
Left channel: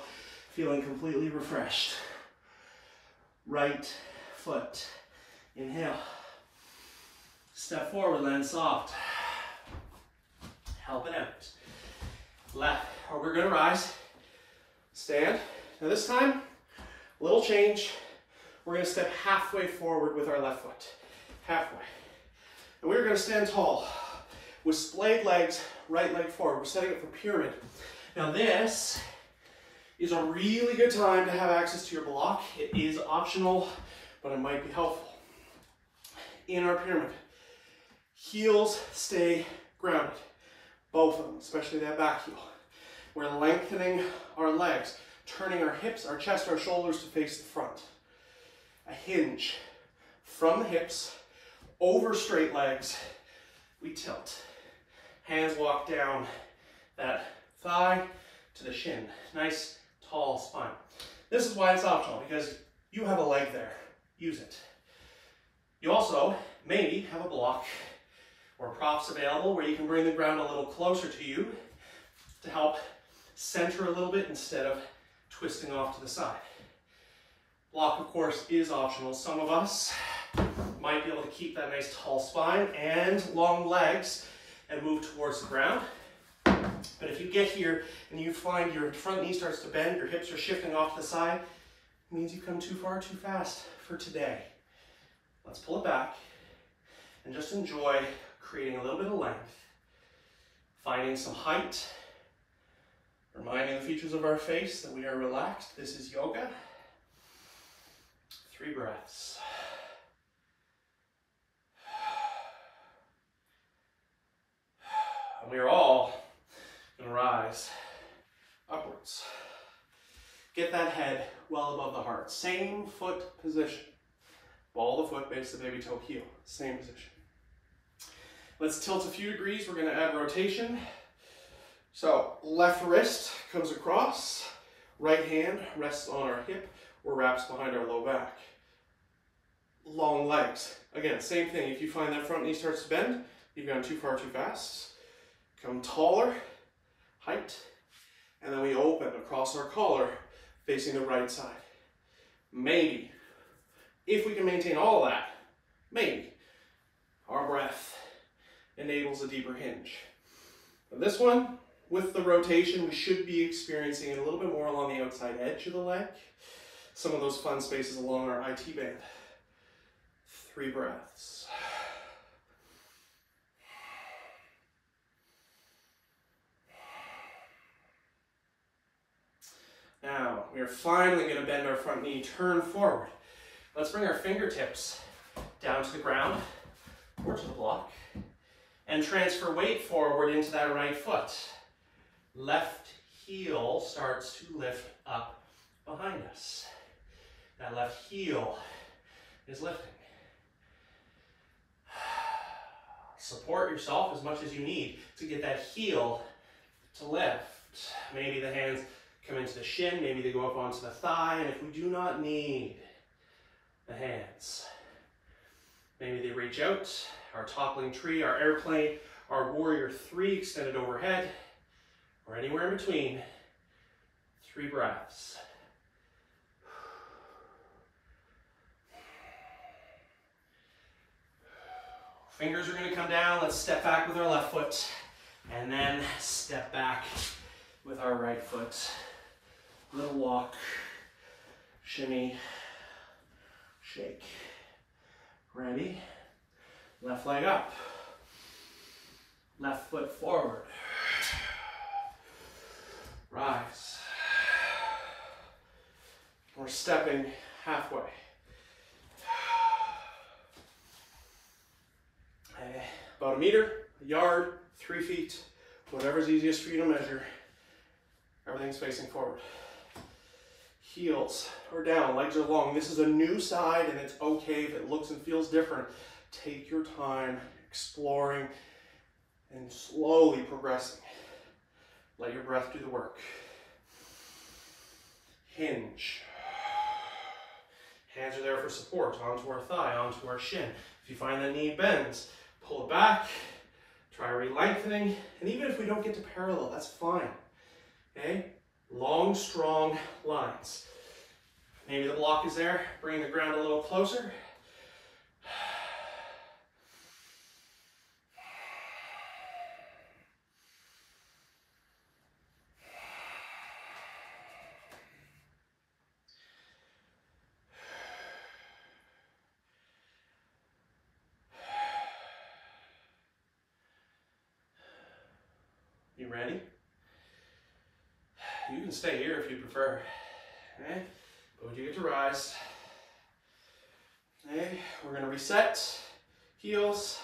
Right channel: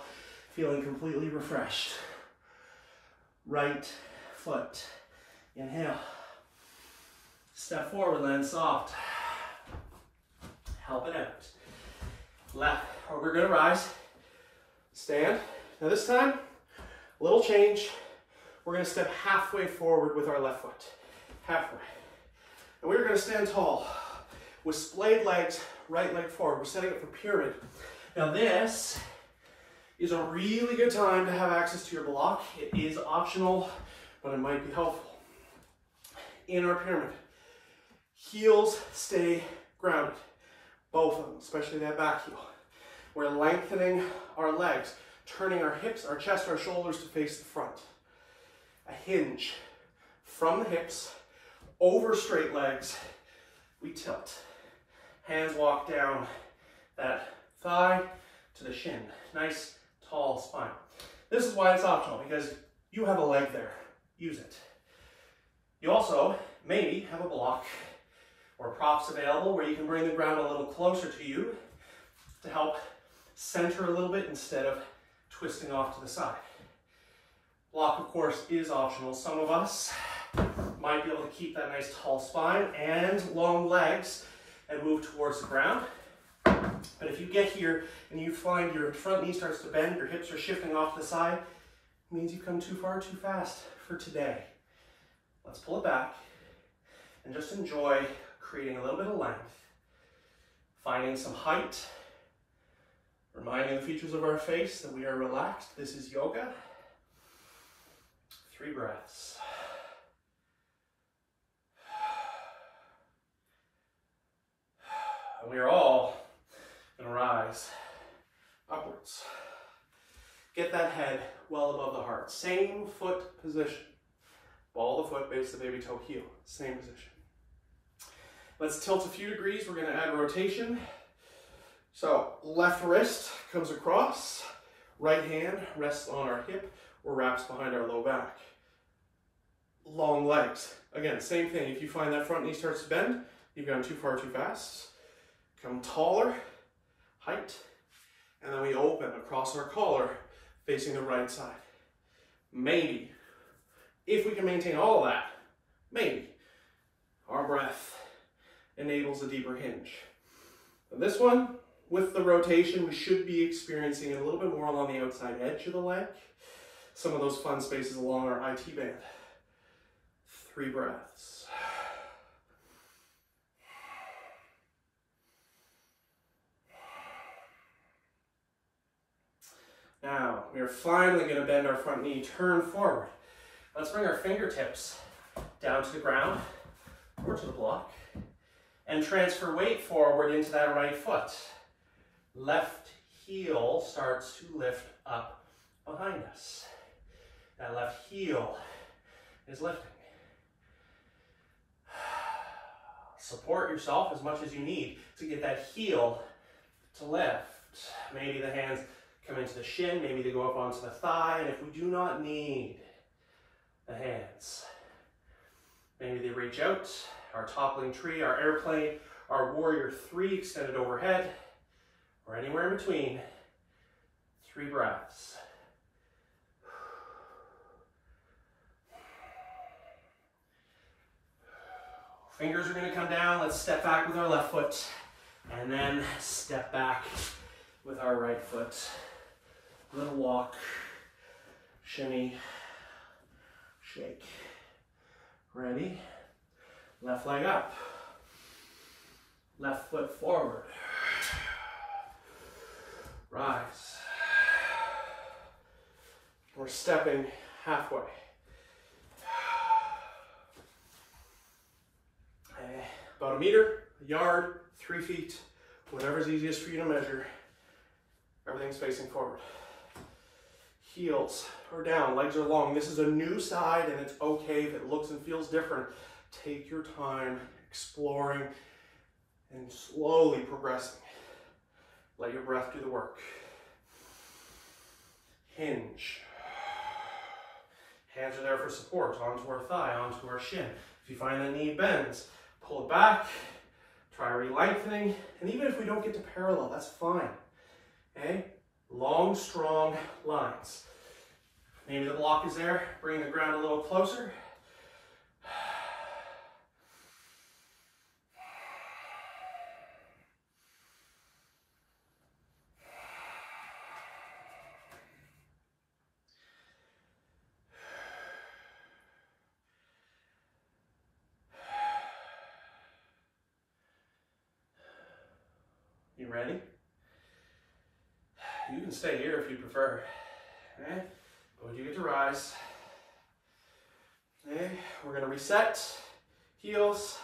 feeling completely refreshed. Right foot, inhale. Step forward, land soft. Help it out. Left, or we're gonna rise. Stand. Now this time, a little change. We're gonna step halfway forward with our left foot. Halfway. And we're gonna stand tall with splayed legs, right leg forward. We're setting up for pyramid. Now this is a really good time to have access to your block. It is optional, but it might be helpful. In our pyramid, heels stay grounded. Both of them, especially that back heel. We're lengthening our legs, turning our hips, our chest, our shoulders to face the front. A hinge from the hips, over straight legs, we tilt. Hands walk down that thigh to the shin. Nice, tall spine. This is why it's optional, because you have a leg there. Use it. You also maybe have a block or props available where you can bring the ground a little closer to you to help center a little bit instead of twisting off to the side. Block, of course, is optional. Some of us might be able to keep that nice tall spine and long legs and move towards the ground. But if you get here and you find your front knee starts to bend, your hips are shifting off to the side, it means you've come too far too fast for today. Let's pull it back and just enjoy creating a little bit of length, finding some height, reminding the features of our face that we are relaxed. This is yoga. 3 breaths. And we are all going to rise upwards. Get that head well above the heart. Same foot position. Ball of the foot, base of the baby toe, heel. Same position. Let's tilt a few degrees. We're going to add rotation. So left wrist comes across. Right hand rests on our hip or wraps behind our low back. Long legs. Again, same thing. If you find that front knee starts to bend, you've gone too far too fast. Come taller, height, and then we open across our collar facing the right side. Maybe, if we can maintain all of that, maybe our breath enables a deeper hinge. But this one, with the rotation, we should be experiencing it a little bit more along the outside edge of the leg. Some of those fun spaces along our IT band. 3 breaths. Now, we are finally going to bend our front knee, turn forward. Let's bring our fingertips down to the ground or to the block and transfer weight forward into that right foot. Left heel starts to lift up behind us. That left heel is lifting. Support yourself as much as you need to get that heel to lift. Maybe the hands come into the shin, maybe they go up onto the thigh, and if we do not need the hands, maybe they reach out, our toppling tree, our airplane, our warrior 3 extended overhead, or anywhere in between. 3 breaths. Fingers are going to come down. Let's step back with our left foot and then step back with our right foot. Little walk, shimmy, shake. Ready? Left leg up. Left foot forward. Rise. We're stepping halfway. About a meter, a yard, 3 feet, whatever's easiest for you to measure. Everything's facing forward. Heels are down, legs are long. This is a new side and it's okay if it looks and feels different. Take your time exploring and slowly progressing. Let your breath do the work. Hinge. Hands are there for support, onto our thigh, onto our shin. If you find that knee bends, pull it back, try re-lengthening, and even if we don't get to parallel, that's fine, okay? Long, strong lines. Maybe the block is there, bring the ground a little closer. You ready? You can stay here if you prefer. Okay? But you get to rise. Okay? We're going to reset. Heels.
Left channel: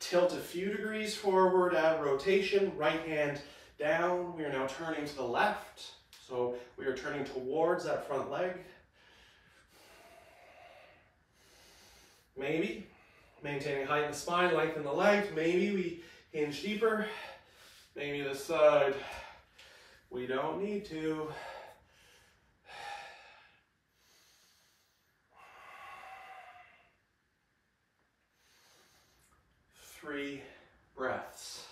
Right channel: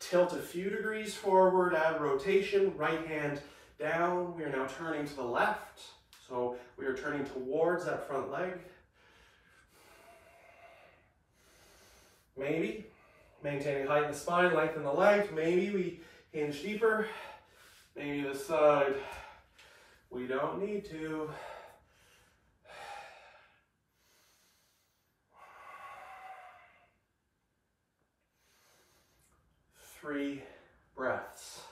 Tilt a few degrees forward, add rotation. Right hand down. We are now turning to the left. So we are turning towards that front leg. Maybe. Maintaining height in the spine, lengthen the legs. Maybe we hinge deeper. Maybe this side. We don't need to. Three breaths.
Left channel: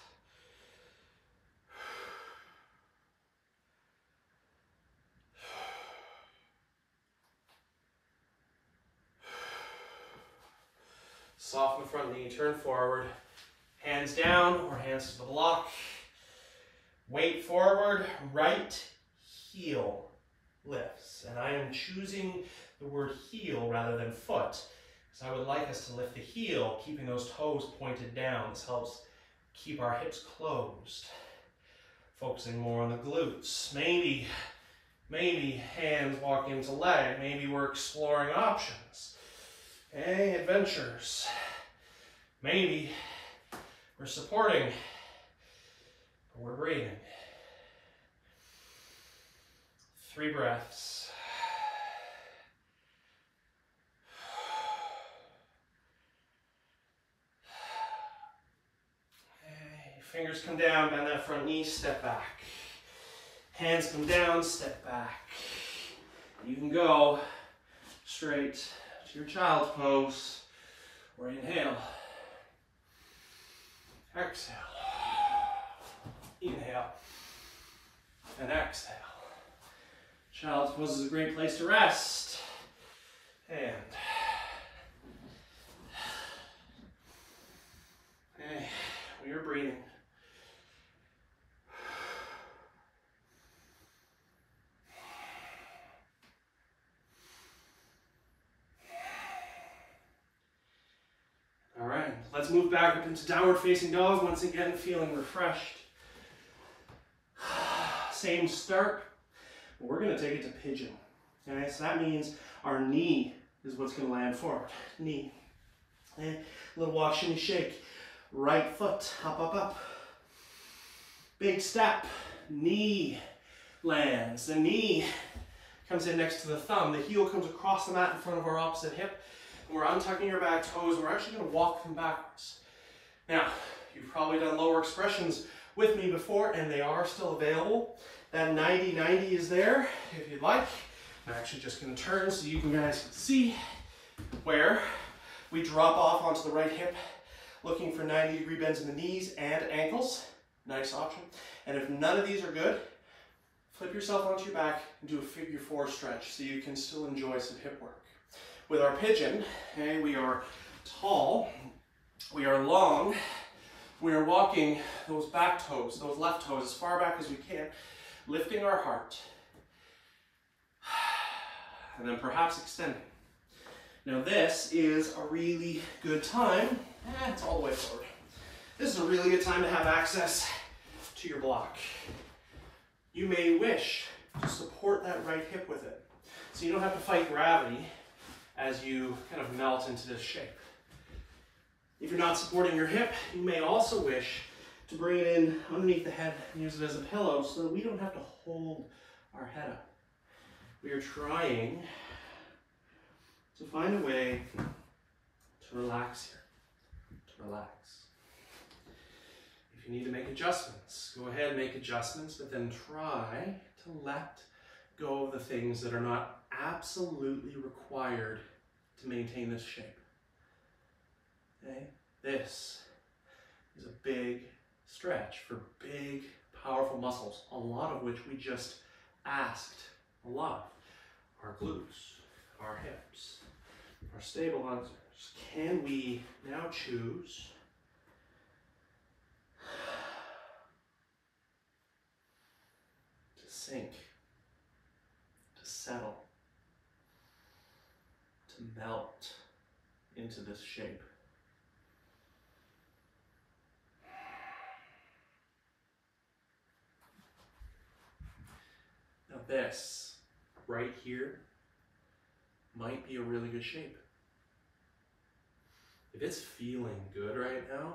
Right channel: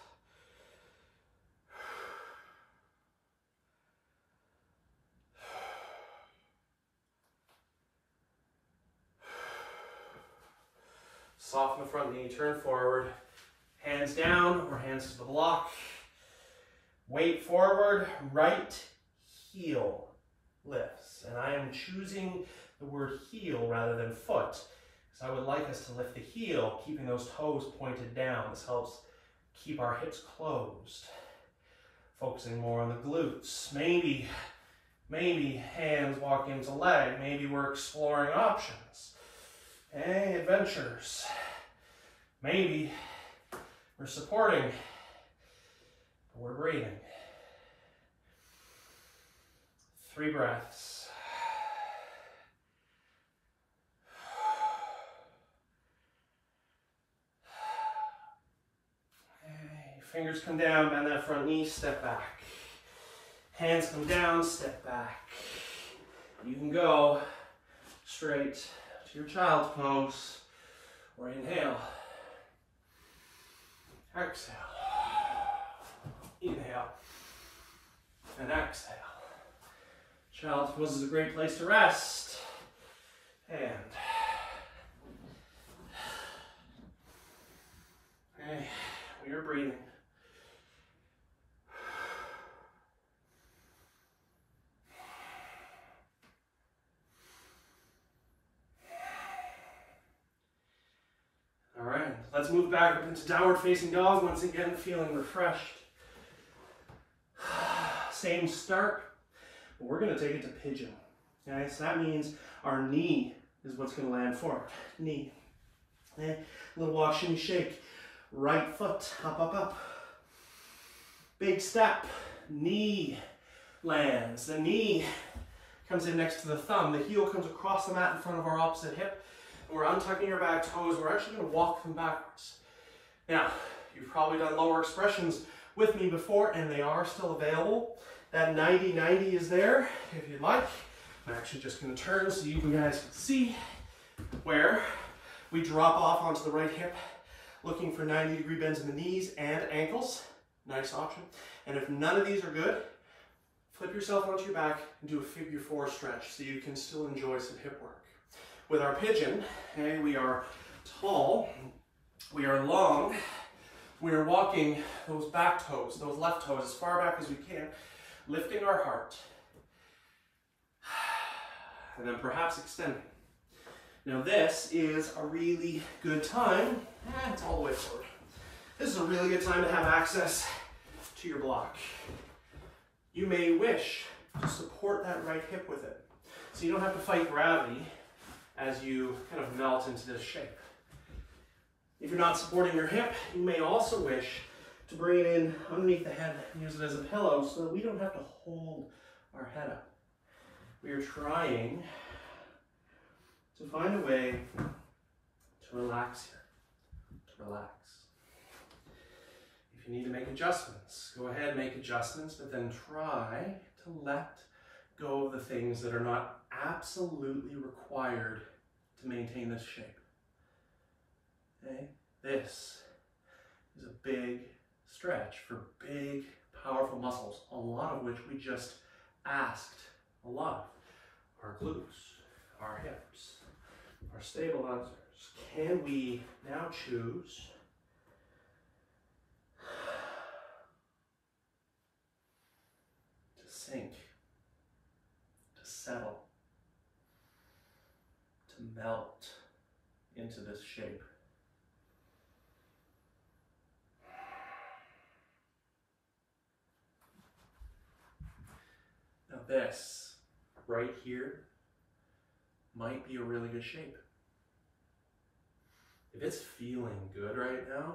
Soften the front knee, turn forward. Hands down or hands to the block. Weight forward, right heel lifts. And I am choosing the word heel rather than foot, because I would like us to lift the heel, keeping those toes pointed down. This helps keep our hips closed. Focusing more on the glutes. Maybe hands walk into leg. Maybe we're exploring options. Okay, adventures. Maybe we're supporting. We're breathing. 3 breaths. Okay, fingers come down, bend that front knee, step back. Hands come down, step back. You can go straight to your child's pose, or inhale. Exhale. Inhale and exhale. Child's pose is a great place to rest. And okay, we are breathing. All right, let's move back up into downward facing dog. Once again, feeling refreshed. Same start, but we're going to take it to pigeon. Okay, so that means our knee is what's going to land forward. Knee. Okay. Little walk, shimmy, shake. Right foot, up, up, up. Big step. Knee lands. The knee comes in next to the thumb. The heel comes across the mat in front of our opposite hip. And we're untucking your back toes. We're actually going to walk them backwards. Now, you've probably done lower expressions with me before, and they are still available. That 90-90 is there if you'd like. I'm actually just going to turn so you guys can see where we drop off onto the right hip, looking for 90-degree bends in the knees and ankles. Nice option. And if none of these are good, flip yourself onto your back and do a figure 4 stretch so you can still enjoy some hip work. With our pigeon, okay, we are tall, we are long, we are walking those back toes, those left toes as far back as we can, lifting our heart, and then perhaps extending. Now this is a really good time, it's all the way forward. This is a really good time to have access to your block. You may wish to support that right hip with it, so you don't have to fight gravity as you kind of melt into this shape. If you're not supporting your hip, you may also wish to bring it in underneath the head and use it as a pillow so that we don't have to hold our head up. We are trying to find a way to relax here, to relax. If you need to make adjustments, go ahead and make adjustments, but then try to let go of the things that are not absolutely required to maintain this shape. Okay? This is a big stretch for big, powerful muscles, a lot of which we just asked a lot. Our glutes, our hips, our stabilizers. Can we now choose to sink, to settle, to melt into this shape? Now this, right here, might be a really good shape. If it's feeling good right now,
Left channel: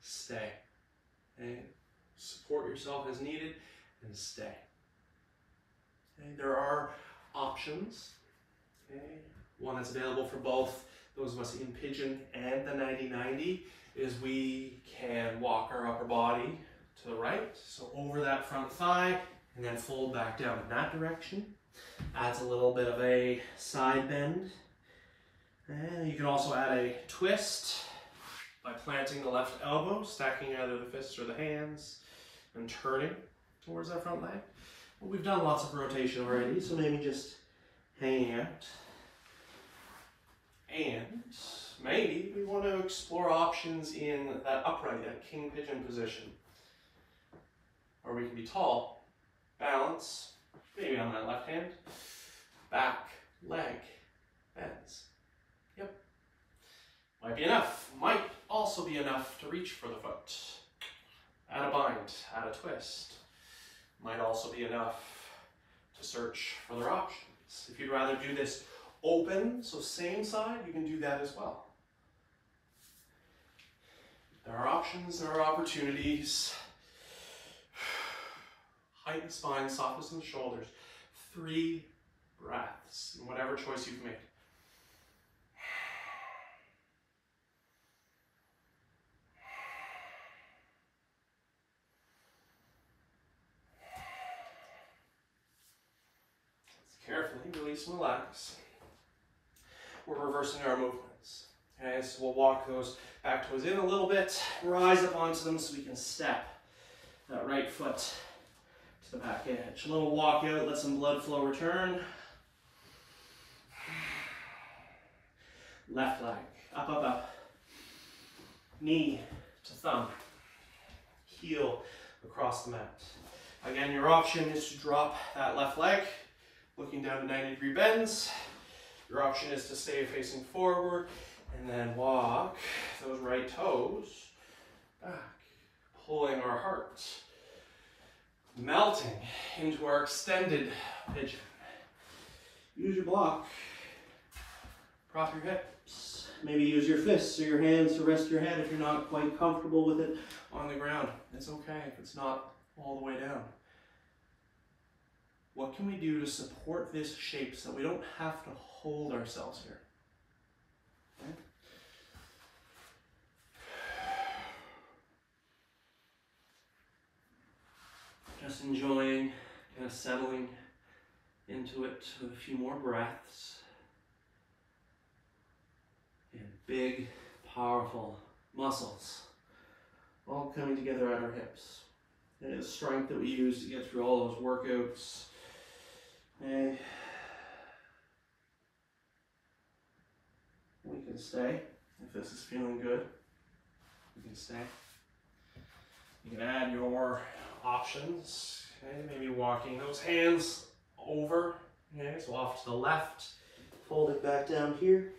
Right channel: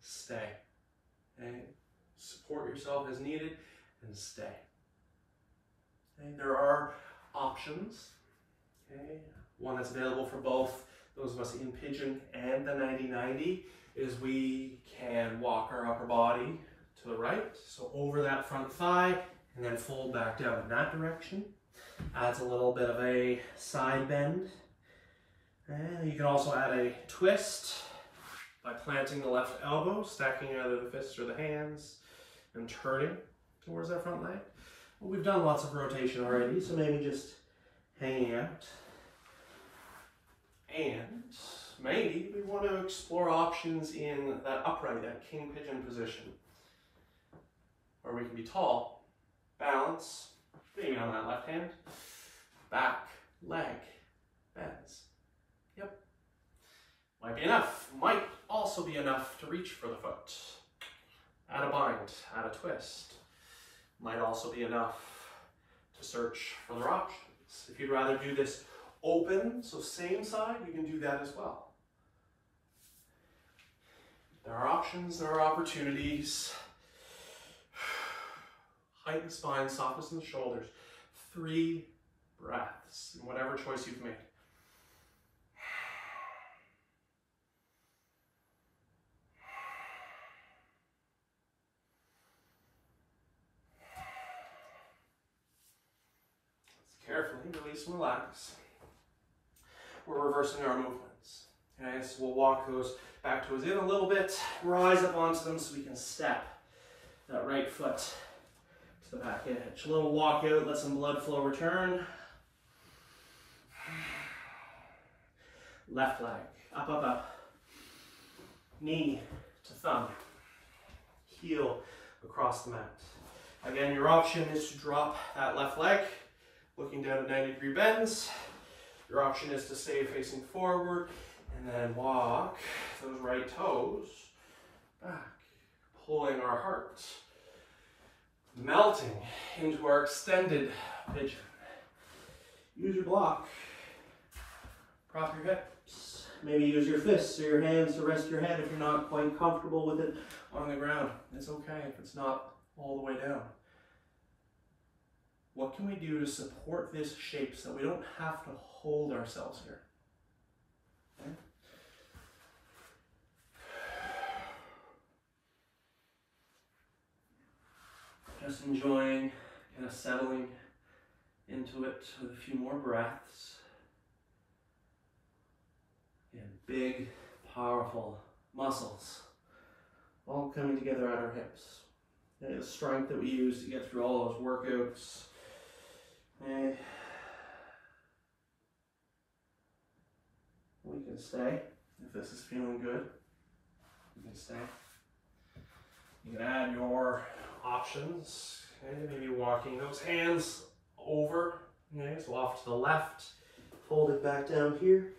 stay. Okay? Support yourself as needed and stay. Okay? There are options. Okay? One that's available for both those of us in pigeon and the 90-90 is we can walk our upper body to the right, so over that front thigh, and then fold back down in that direction. Adds a little bit of a side bend. And you can also add a twist by planting the left elbow, stacking either the fists or the hands, and turning towards that front leg. Well, we've done lots of rotation already, so maybe just hanging out. And maybe we want to explore options in that upright, that king pigeon position, where we can be tall, balance, maybe on that left hand, back, leg, bends. Yep. Might be enough. Might also be enough to reach for the foot. Add a bind, add a twist. Might also be enough to search for other options. If you'd rather do this open, so same side, you can do that as well. There are options, there are opportunities. Heighten the spine, soften the shoulders. 3 breaths, in whatever choice you've made. Carefully release and relax. We're reversing our movements. Okay, so we'll walk those back toes in a little bit, rise up onto them so we can step that right foot to the back edge. A little walk out, let some blood flow return. Left leg, up, up, up. Knee to thumb. Heel across the mat. Again, your option is to drop that left leg, looking down at 90-degree bends. Your option is to stay facing forward and then walk those right toes back, pulling our heart, melting into our extended pigeon. Use your block, prop your hips. Maybe use your fists or your hands to rest your head if you're not quite comfortable with it on the ground. It's okay if it's not all the way down. What can we do to support this shape so we don't have to hold ourselves here? Okay. Just enjoying, kind of settling into it with a few more breaths. And big, powerful muscles all coming together at our hips. And the strength that we use to get through all those workouts. And we can stay. If this is feeling good, you can stay. You can add your options. Okay, maybe walking those hands over. Okay, so off to the left, fold it back down here.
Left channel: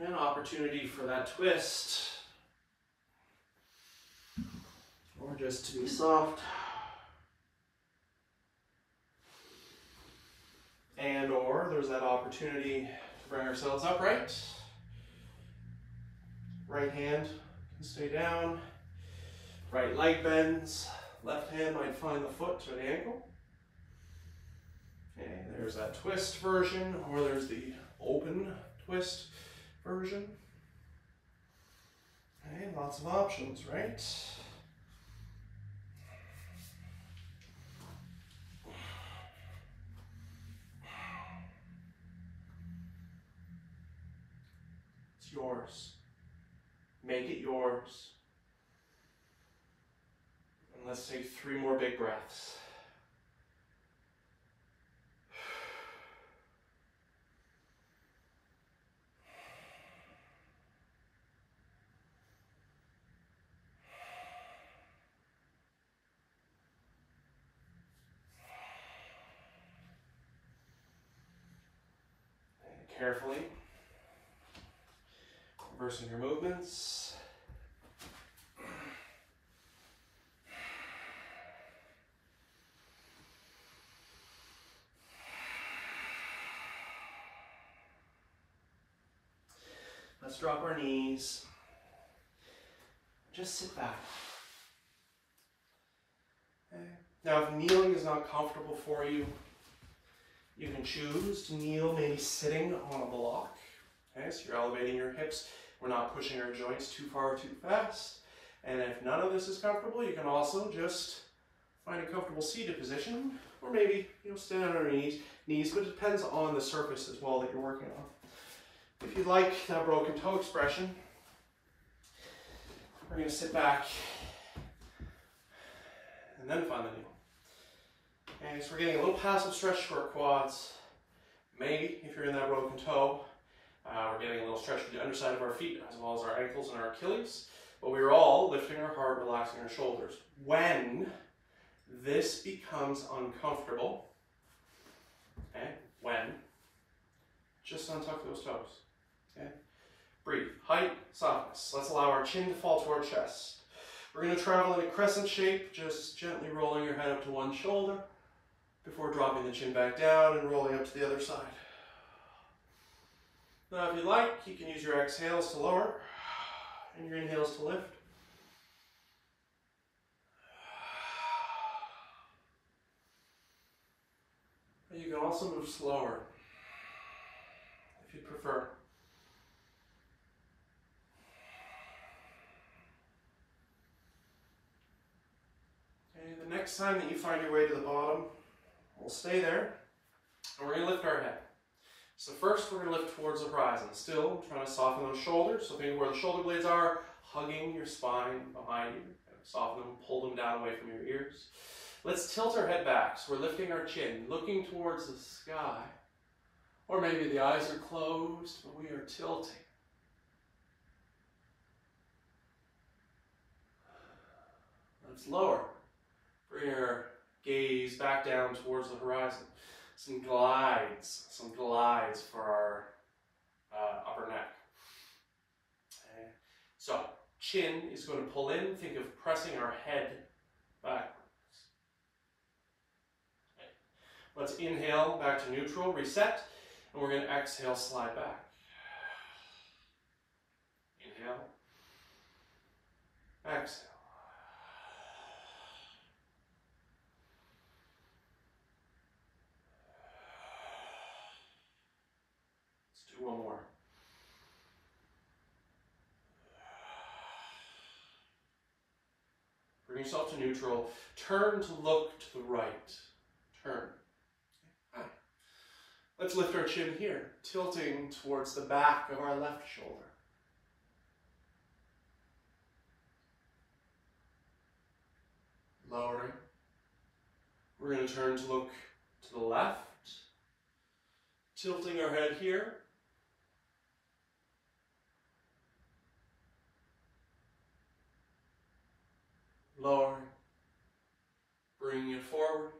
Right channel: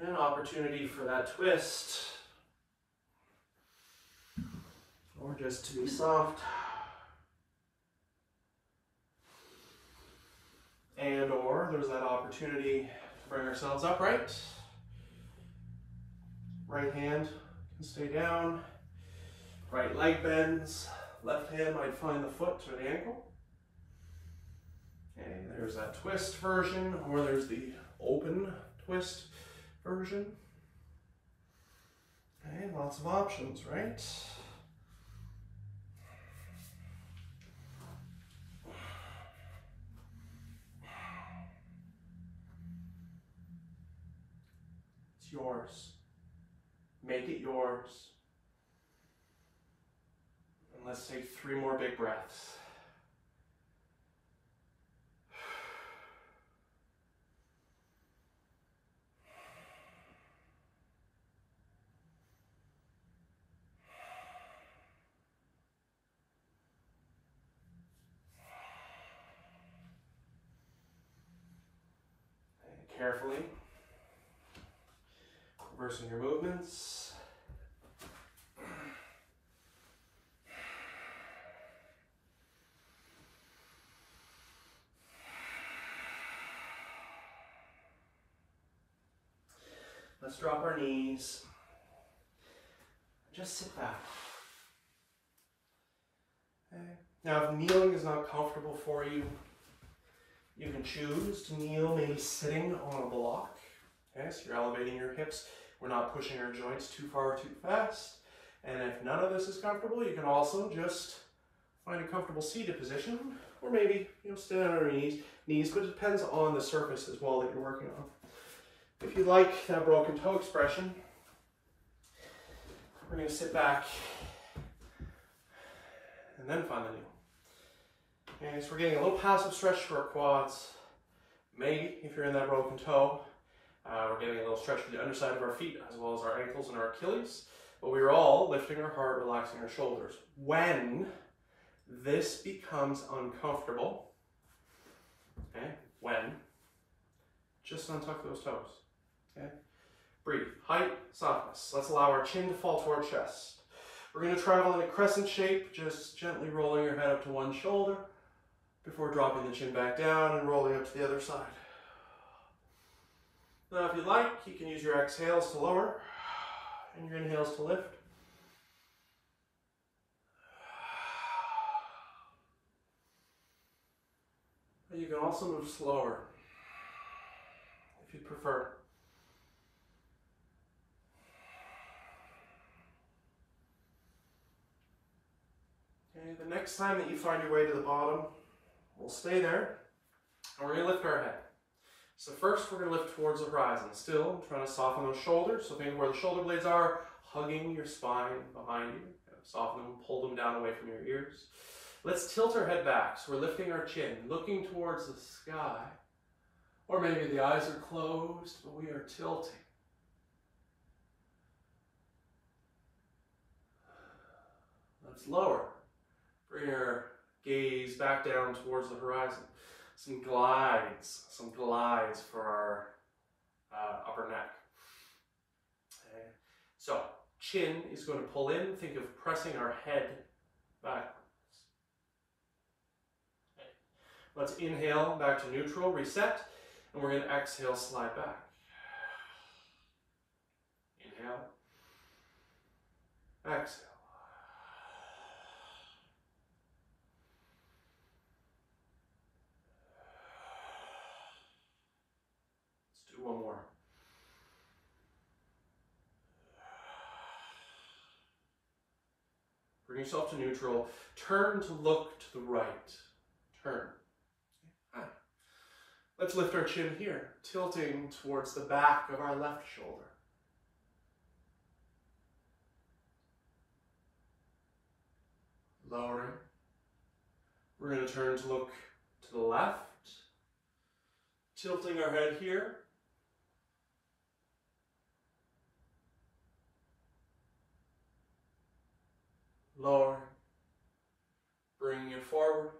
And an opportunity for that twist. Or just to be soft. And or there's that opportunity to bring ourselves upright. Right hand can stay down. Right leg bends. Left hand might find the foot or the ankle. Okay, there's that twist version, or there's the open twist version. Okay, lots of options, right? yours. Make it yours. And let's take 3 more big breaths. And carefully reversing your movements. Let's drop our knees. Just sit back. Okay. Now, if kneeling is not comfortable for you, you can choose to kneel maybe sitting on a block. Okay, so you're elevating your hips. We're not pushing our joints too far or too fast. And if none of this is comfortable, you can also just find a comfortable seated position, or maybe stand on your knees, but it depends on the surface as well that you're working on. If you like that broken toe expression, we're going to sit back and then find the knee. Okay, so we're getting a little passive stretch for our quads. Maybe, if you're in that broken toe, we're getting a little stretch for the underside of our feet, as well as our ankles and our Achilles. But we're all lifting our heart, relaxing our shoulders. When this becomes uncomfortable, just untuck those toes. Okay? Breathe. Height, softness. Let's allow our chin to fall to our chest. We're going to travel in a crescent shape, just gently rolling your head up to one shoulder before dropping the chin back down and rolling up to the other side. Now, if you like, you can use your exhales to lower and your inhales to lift. And you can also move slower if you prefer. Okay, the next time that you find your way to the bottom, we'll stay there and we're going to lift our head. So first we're going to lift towards the horizon. Still trying to soften those shoulders. So think where the shoulder blades are, hugging your spine behind you. Soften them, pull them down away from your ears. Let's tilt our head back. So we're lifting our chin, looking towards the sky. Or maybe the eyes are closed, but we are tilting. Let's lower. Bring your gaze back down towards the horizon. Some glides for our upper neck. Okay. So, chin is going to pull in. Think of pressing our head backwards. Okay. Let's inhale back to neutral, reset, and we're going to exhale, slide back. Inhale, exhale. One more. Bring yourself to neutral. Turn to look to the right. Turn. Hi. Let's lift our chin here, tilting towards the back of our left shoulder. Lowering. We're going to turn to look to the left. Tilting our head here. Lower, bringing it forward.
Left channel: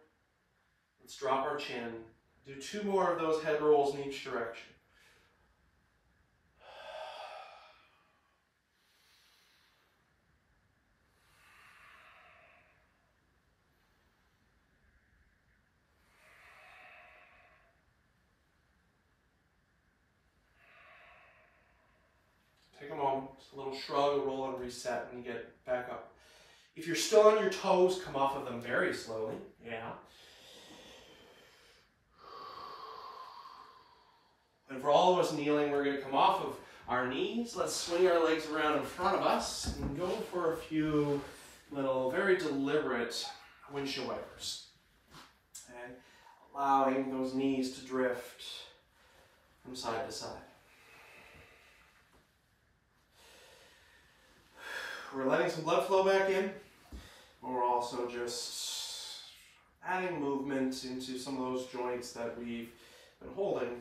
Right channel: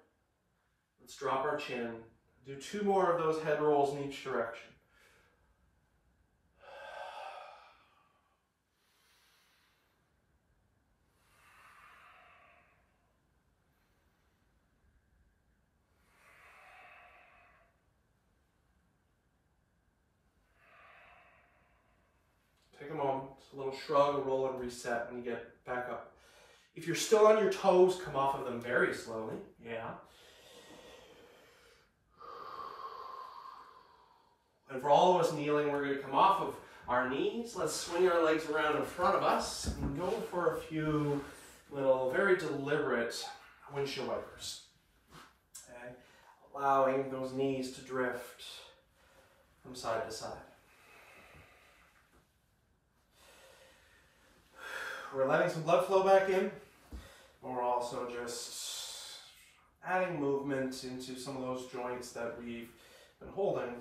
Let's drop our chin. Do 2 more of those head rolls in each direction. Take a moment, just a little shrug, a roll, and reset when you get back up. If you're still on your toes, come off of them very slowly. Yeah. And for all of us kneeling, we're going to come off of our knees. Let's swing our legs around in front of us and go for a few little, very deliberate windshield wipers. Okay. Allowing those knees to drift from side to side. We're letting some blood flow back in, but we're also just adding movement into some of those joints that we've been holding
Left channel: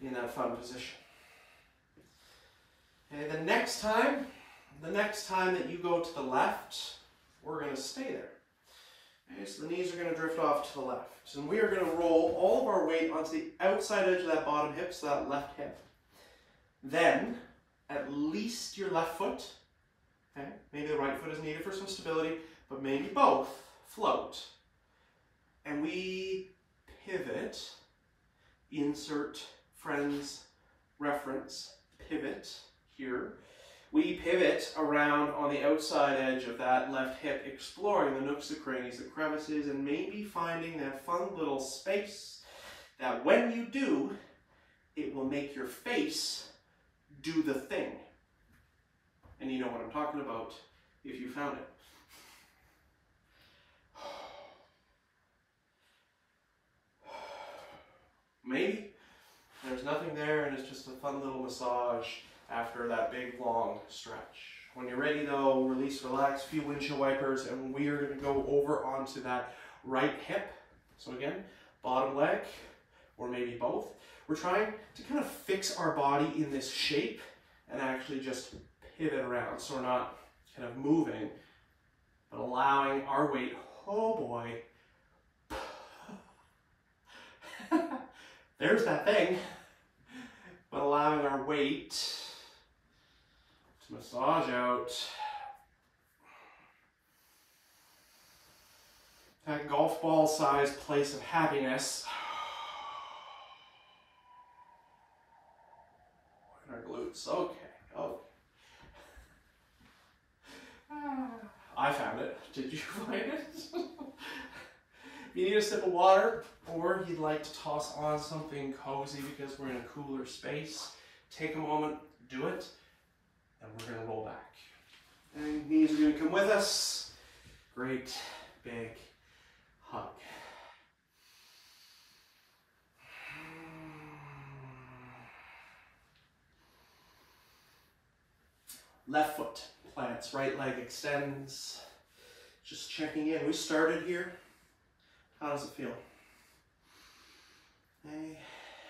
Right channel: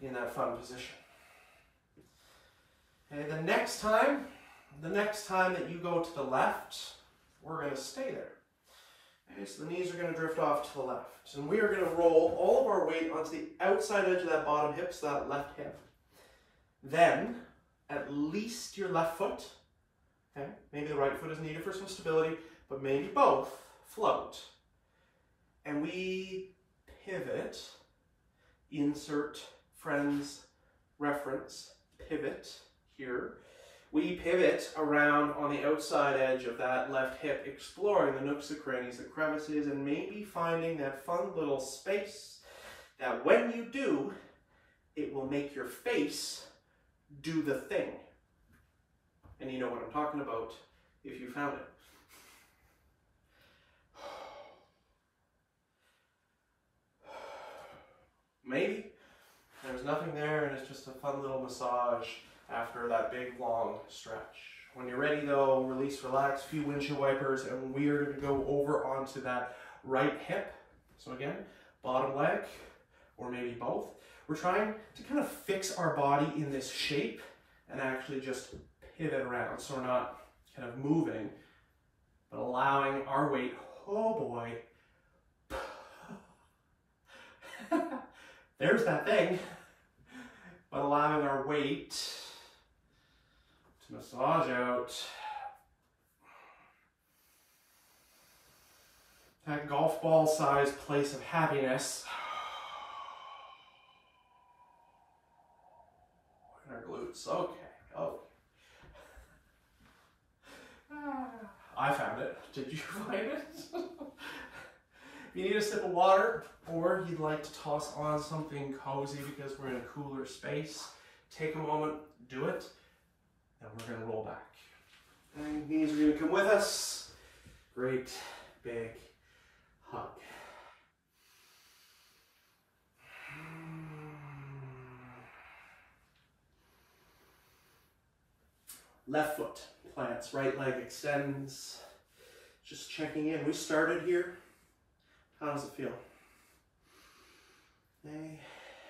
in that fun position. Okay, the next time that you go to the left, we're going to stay there. Okay, so the knees are going to drift off to the left. And we are going to roll all of our weight onto the outside edge of that bottom hip, so that left hip. Then, at least your left foot, okay, maybe the right foot is needed for some stability, but maybe both, float. And we pivot, insert friends, reference, pivot here. We pivot around on the outside edge of that left hip, exploring the nooks, the crannies, the crevices, and maybe finding that fun little space that when you do, it will make your face do the thing. And you know what I'm talking about if you found it. Maybe there's nothing there and it's just a fun little massage after that big long stretch. When you're ready though, release, relax, few windshield wipers, and we are going to go over onto that right hip. So again, bottom leg, or maybe both. We're trying to kind of fix our body in this shape and actually just pivot around. So we're not kind of moving, but allowing our weight, oh boy. There's that thing. But allowing our weight to massage out that golf ball sized place of happiness in our glutes. Okay, okay. I found it. Did you find it? If you need a sip of water, or you'd like to toss on something cozy because we're in a cooler space, take a moment, do it, and we're going to roll back. And knees are going to come with us. Great big hug. Left foot plants, right leg extends. Just checking in. We started here. How does it feel? Okay.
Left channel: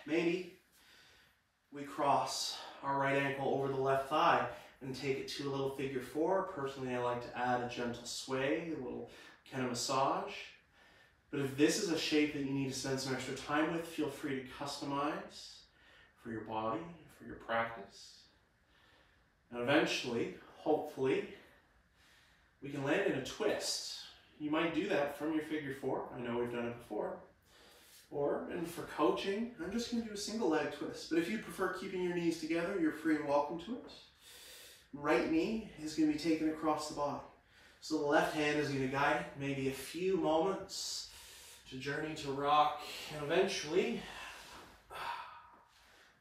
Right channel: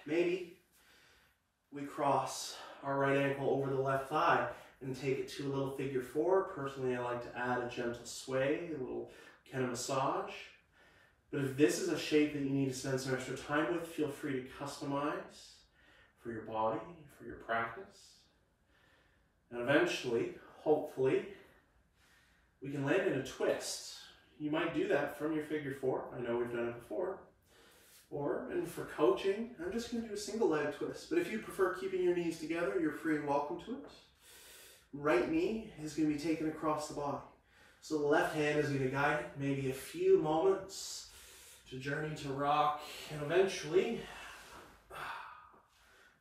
Maybe we cross our right ankle over the left thigh and take it to a little figure four. Personally, I like to add a gentle sway, a little kind of massage. But if this is a shape that you need to spend some extra time with, feel free to customize for your body, for your practice. And eventually, hopefully, we can land in a twist. You might do that from your figure four. I know we've done it before. Or, and for coaching, I'm just going to do a single leg twist. But if you prefer keeping your knees together, you're free and welcome to it. Right knee is going to be taken across the body. So the left hand is going to guide it, maybe a few moments to journey to rock. And eventually,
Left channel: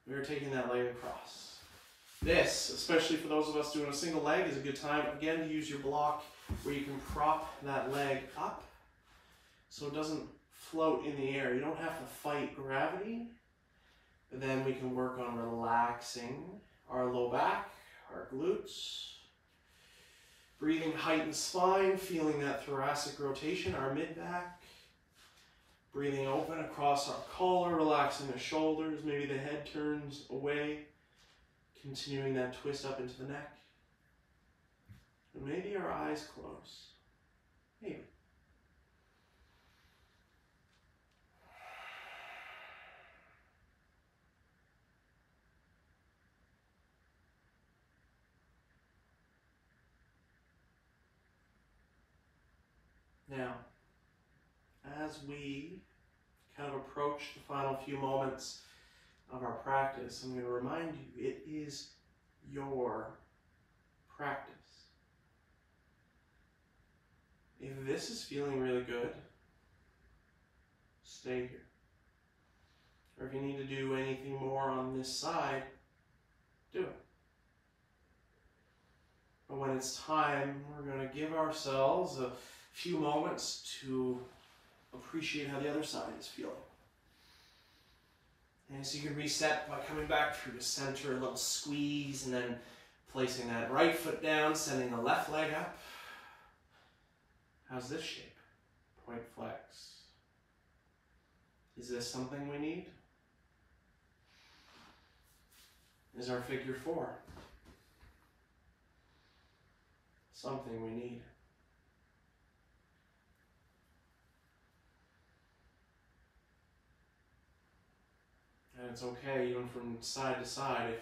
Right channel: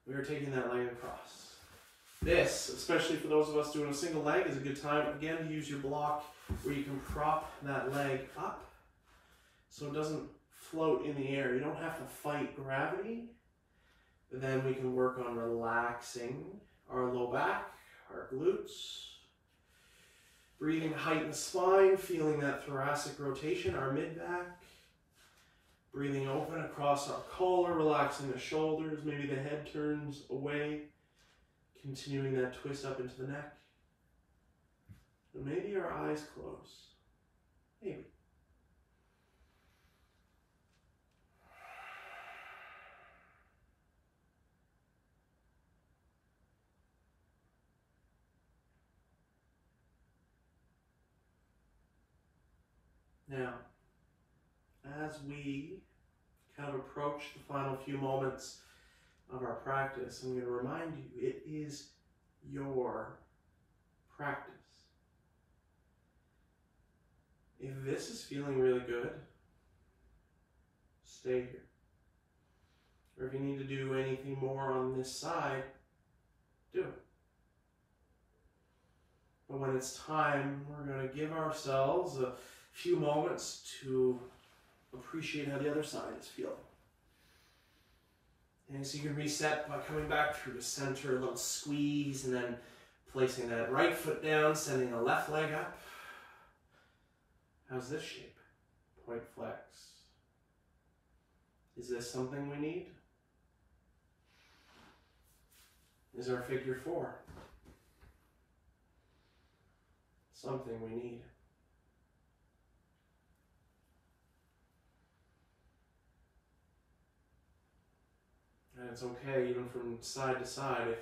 we are taking that leg across. This, especially for those of us doing a single leg, is a good time, again, to use your block where you can prop that leg up so it doesn't float in the air. You don't have to fight gravity. But then we can work on relaxing our low back, our glutes. Breathing height and spine, feeling that thoracic rotation, our mid-back. Breathing open across our collar, relaxing the shoulders. Maybe the head turns away. Continuing that twist up into the neck. And maybe our eyes close. Maybe. Now, as we kind of approach the final few moments of our practice, I'm going to remind you, it is your practice. If this is feeling really good, stay here. Or if you need to do anything more on this side, do it. But when it's time, we're going to give ourselves a few moments to appreciate how the other side is feeling. And so you can reset by coming back through the center, a little squeeze, and then Placing that right foot down, sending the left leg up. How's this shape? Point flex. Is this something we need? Is our figure 4 something we need? And it's okay even from side to side if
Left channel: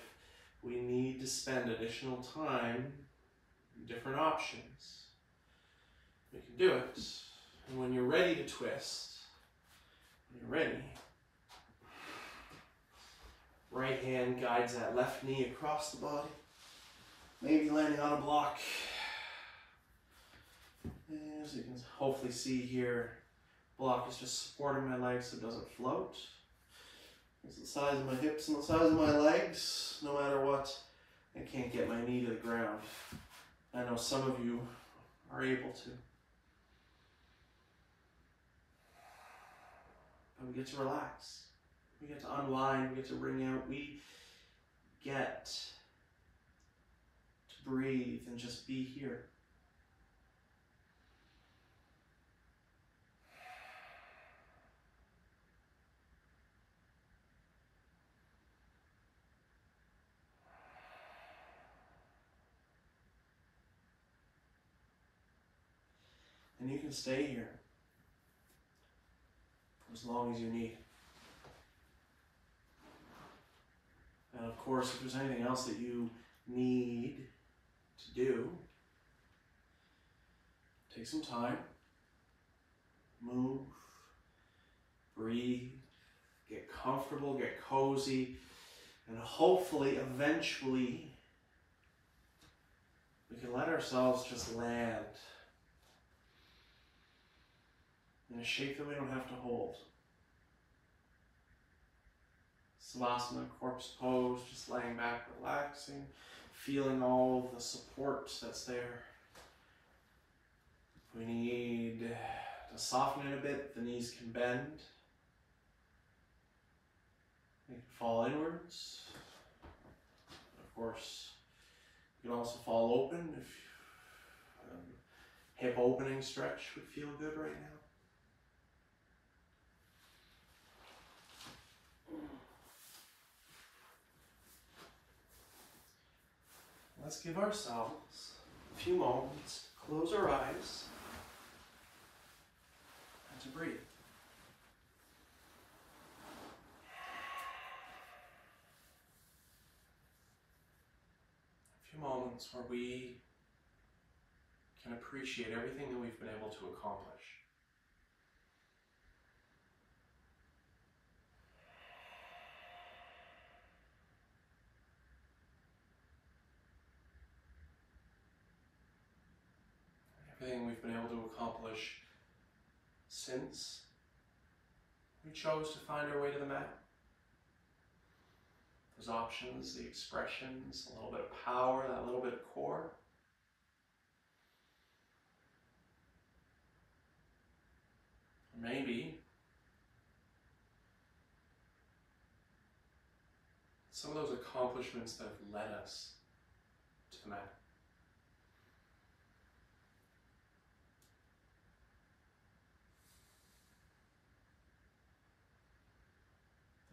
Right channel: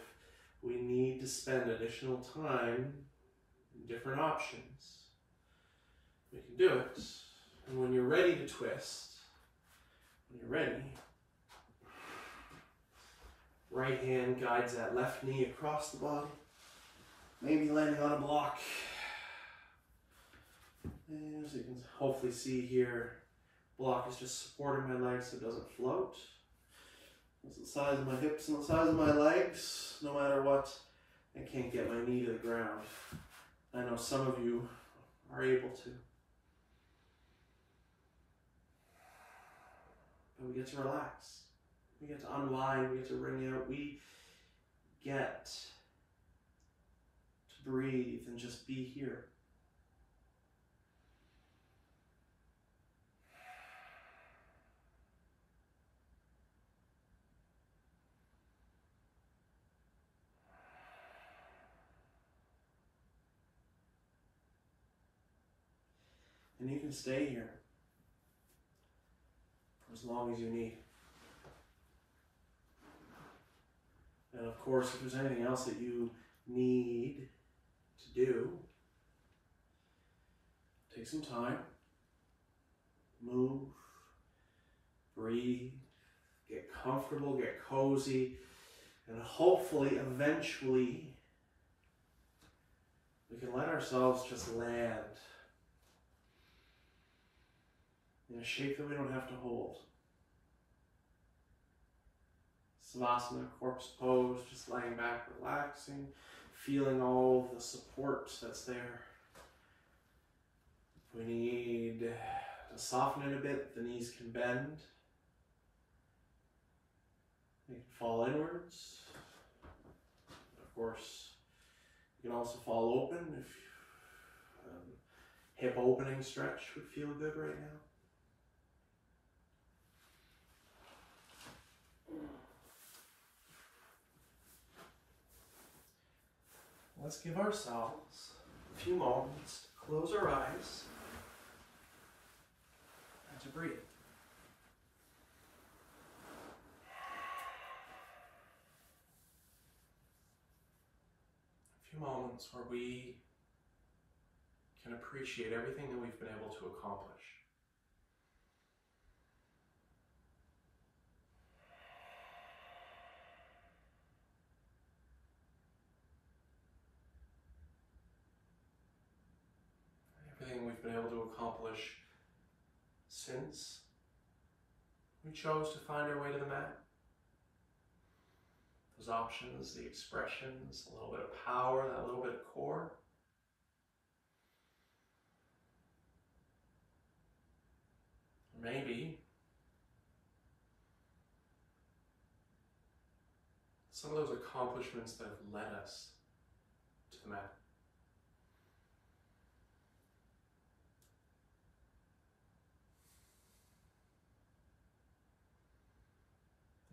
we need to spend additional time in different options. We can do it. And when you're ready to twist, when you're ready, right hand guides that left knee across the body, maybe landing on a block. And as you can hopefully see here, block is just supporting my legs so it doesn't float. It's the size of my hips and the size of my legs. No matter what, I can't get my knee to the ground. I know some of you are able to. But we get to relax. We get to unwind. We get to wring out. We get to breathe and just be here. And you can stay here for as long as you need. And of course, if there's anything else that you need to do, take some time, move, breathe, get comfortable, get cozy, and hopefully, eventually, we can let ourselves just land in a shape that we don't have to hold. Savasana, corpse pose, just laying back, relaxing, feeling all the support that's there. We need to soften it a bit. The knees can bend. They can fall inwards. Of course, you can also fall open if hip opening stretch would feel good right now. Let's give ourselves a few moments to close our eyes and to breathe. A few moments where we can appreciate everything that we've been able to accomplish. Everything we've been able to accomplish since we chose to find our way to the mat. Those options, the expressions, a little bit of power, that little bit of core. Maybe some of those accomplishments that have led us to the mat.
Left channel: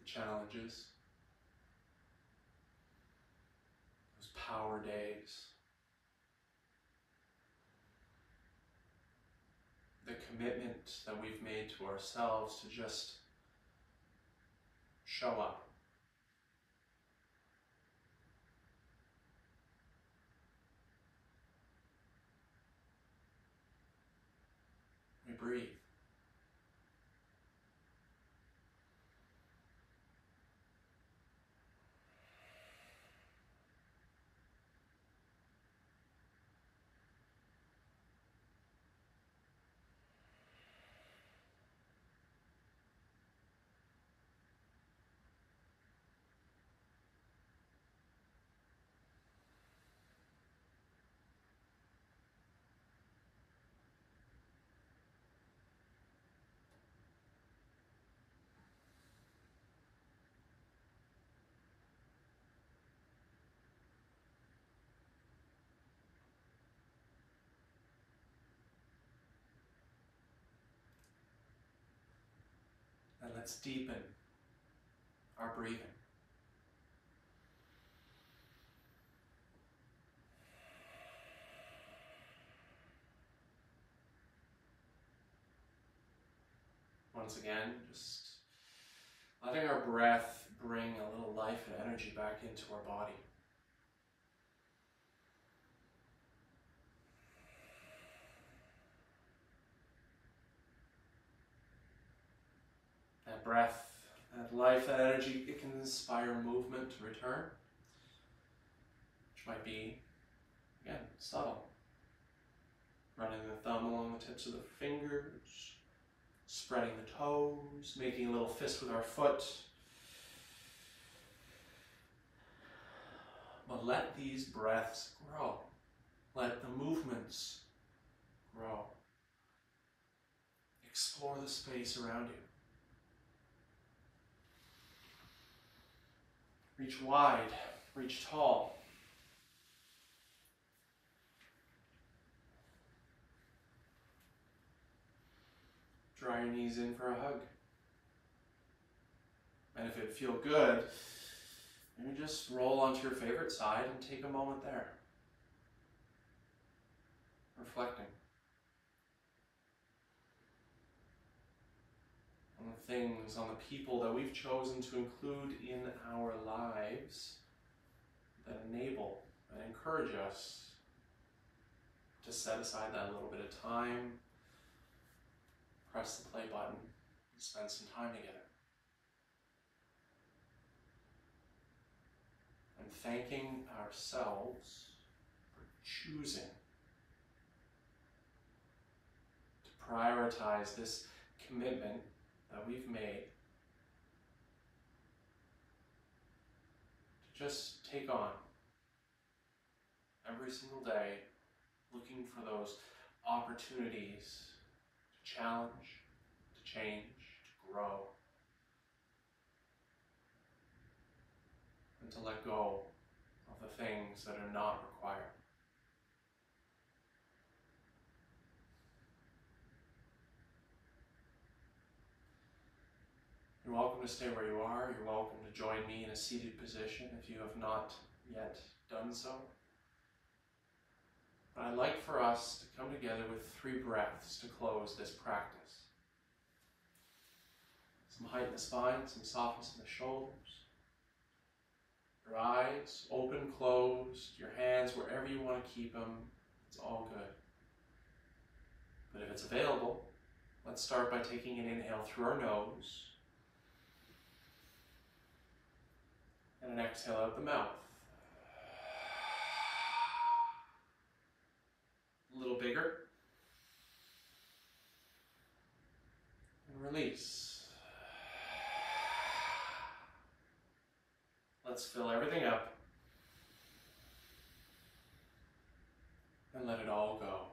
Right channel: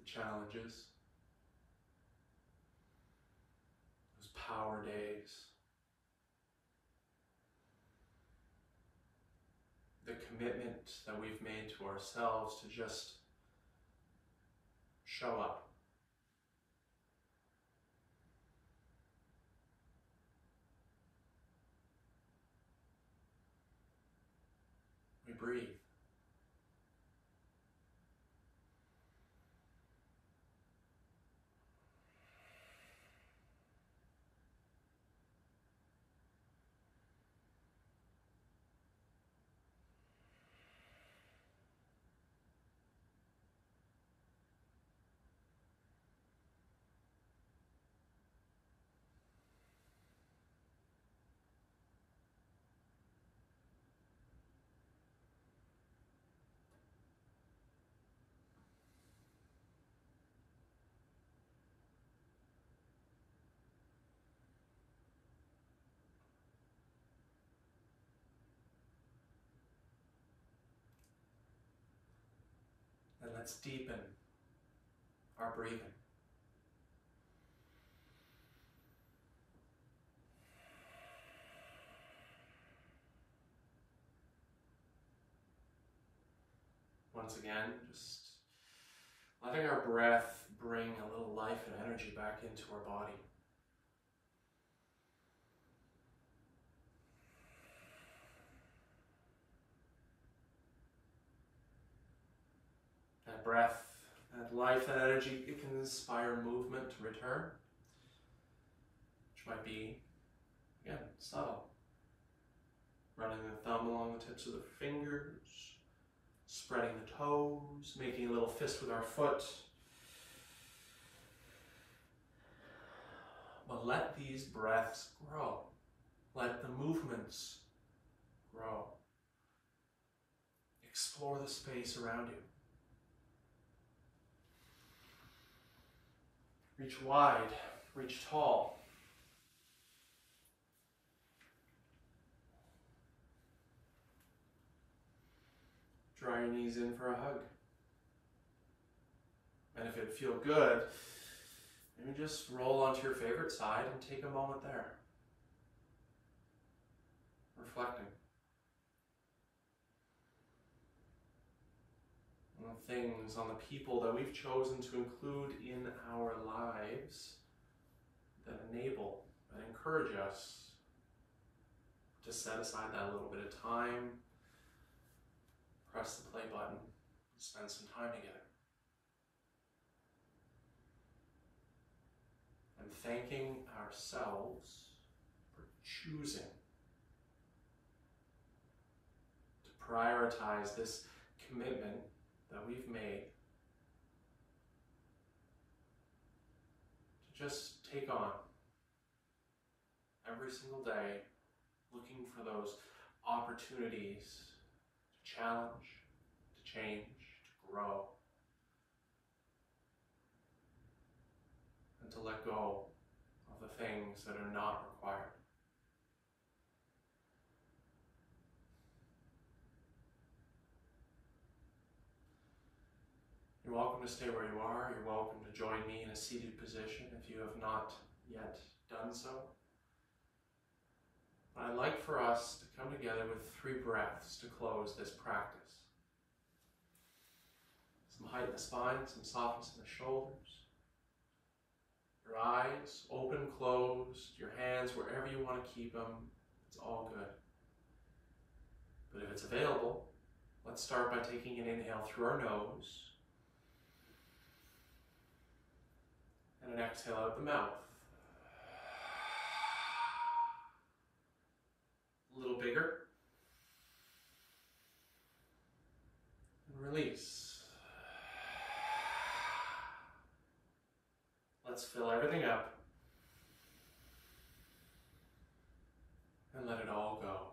Challenges, those power days, the commitment that we've made to ourselves to just show up. We breathe. Let's deepen our breathing. Once again, just letting our breath bring a little life and energy back into our body. That breath, that life, that energy, it can inspire movement to return, which might be, again, subtle. Running the thumb along the tips of the fingers, spreading the toes, making a little fist with our foot. But let these breaths grow. Let the movements grow. Explore the space around you. Reach wide, reach tall. Draw your knees in for a hug. And if it feel good, maybe just roll onto your favorite side and take a moment there. Reflecting on the things, on the people that we've chosen to include in our lives that enable and encourage us to set aside that little bit of time, press the play button, and spend some time together. And thanking ourselves for choosing to prioritize this commitment that we've made to just take on every single day, looking for those opportunities to challenge, to change, to grow, and to let go of the things that are not required. You're welcome to stay where you are. You're welcome to join me in a seated position if you have not yet done so. But I'd like for us to come together with 3 breaths to close this practice. Some height in the spine, some softness in the shoulders. Your eyes open, closed, your hands wherever you want to keep them. It's all good. But if it's available, let's start by taking an inhale through our nose and an exhale out the mouth. A little bigger. And release. Let's fill everything up and let it all go.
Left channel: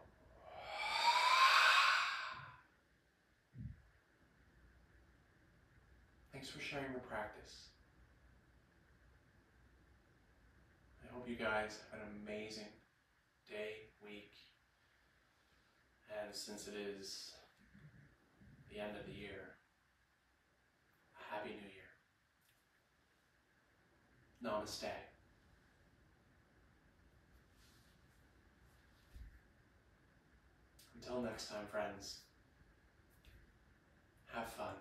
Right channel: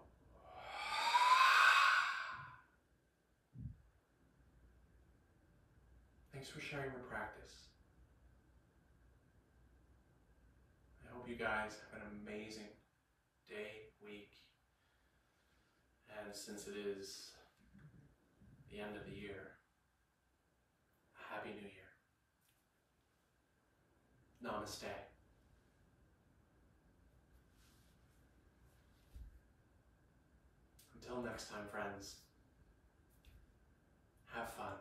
Thanks for sharing your practice. I hope you guys have an amazing day, week, and since it is the end of the year, Happy New Year. Namaste. Until next time, friends, have fun.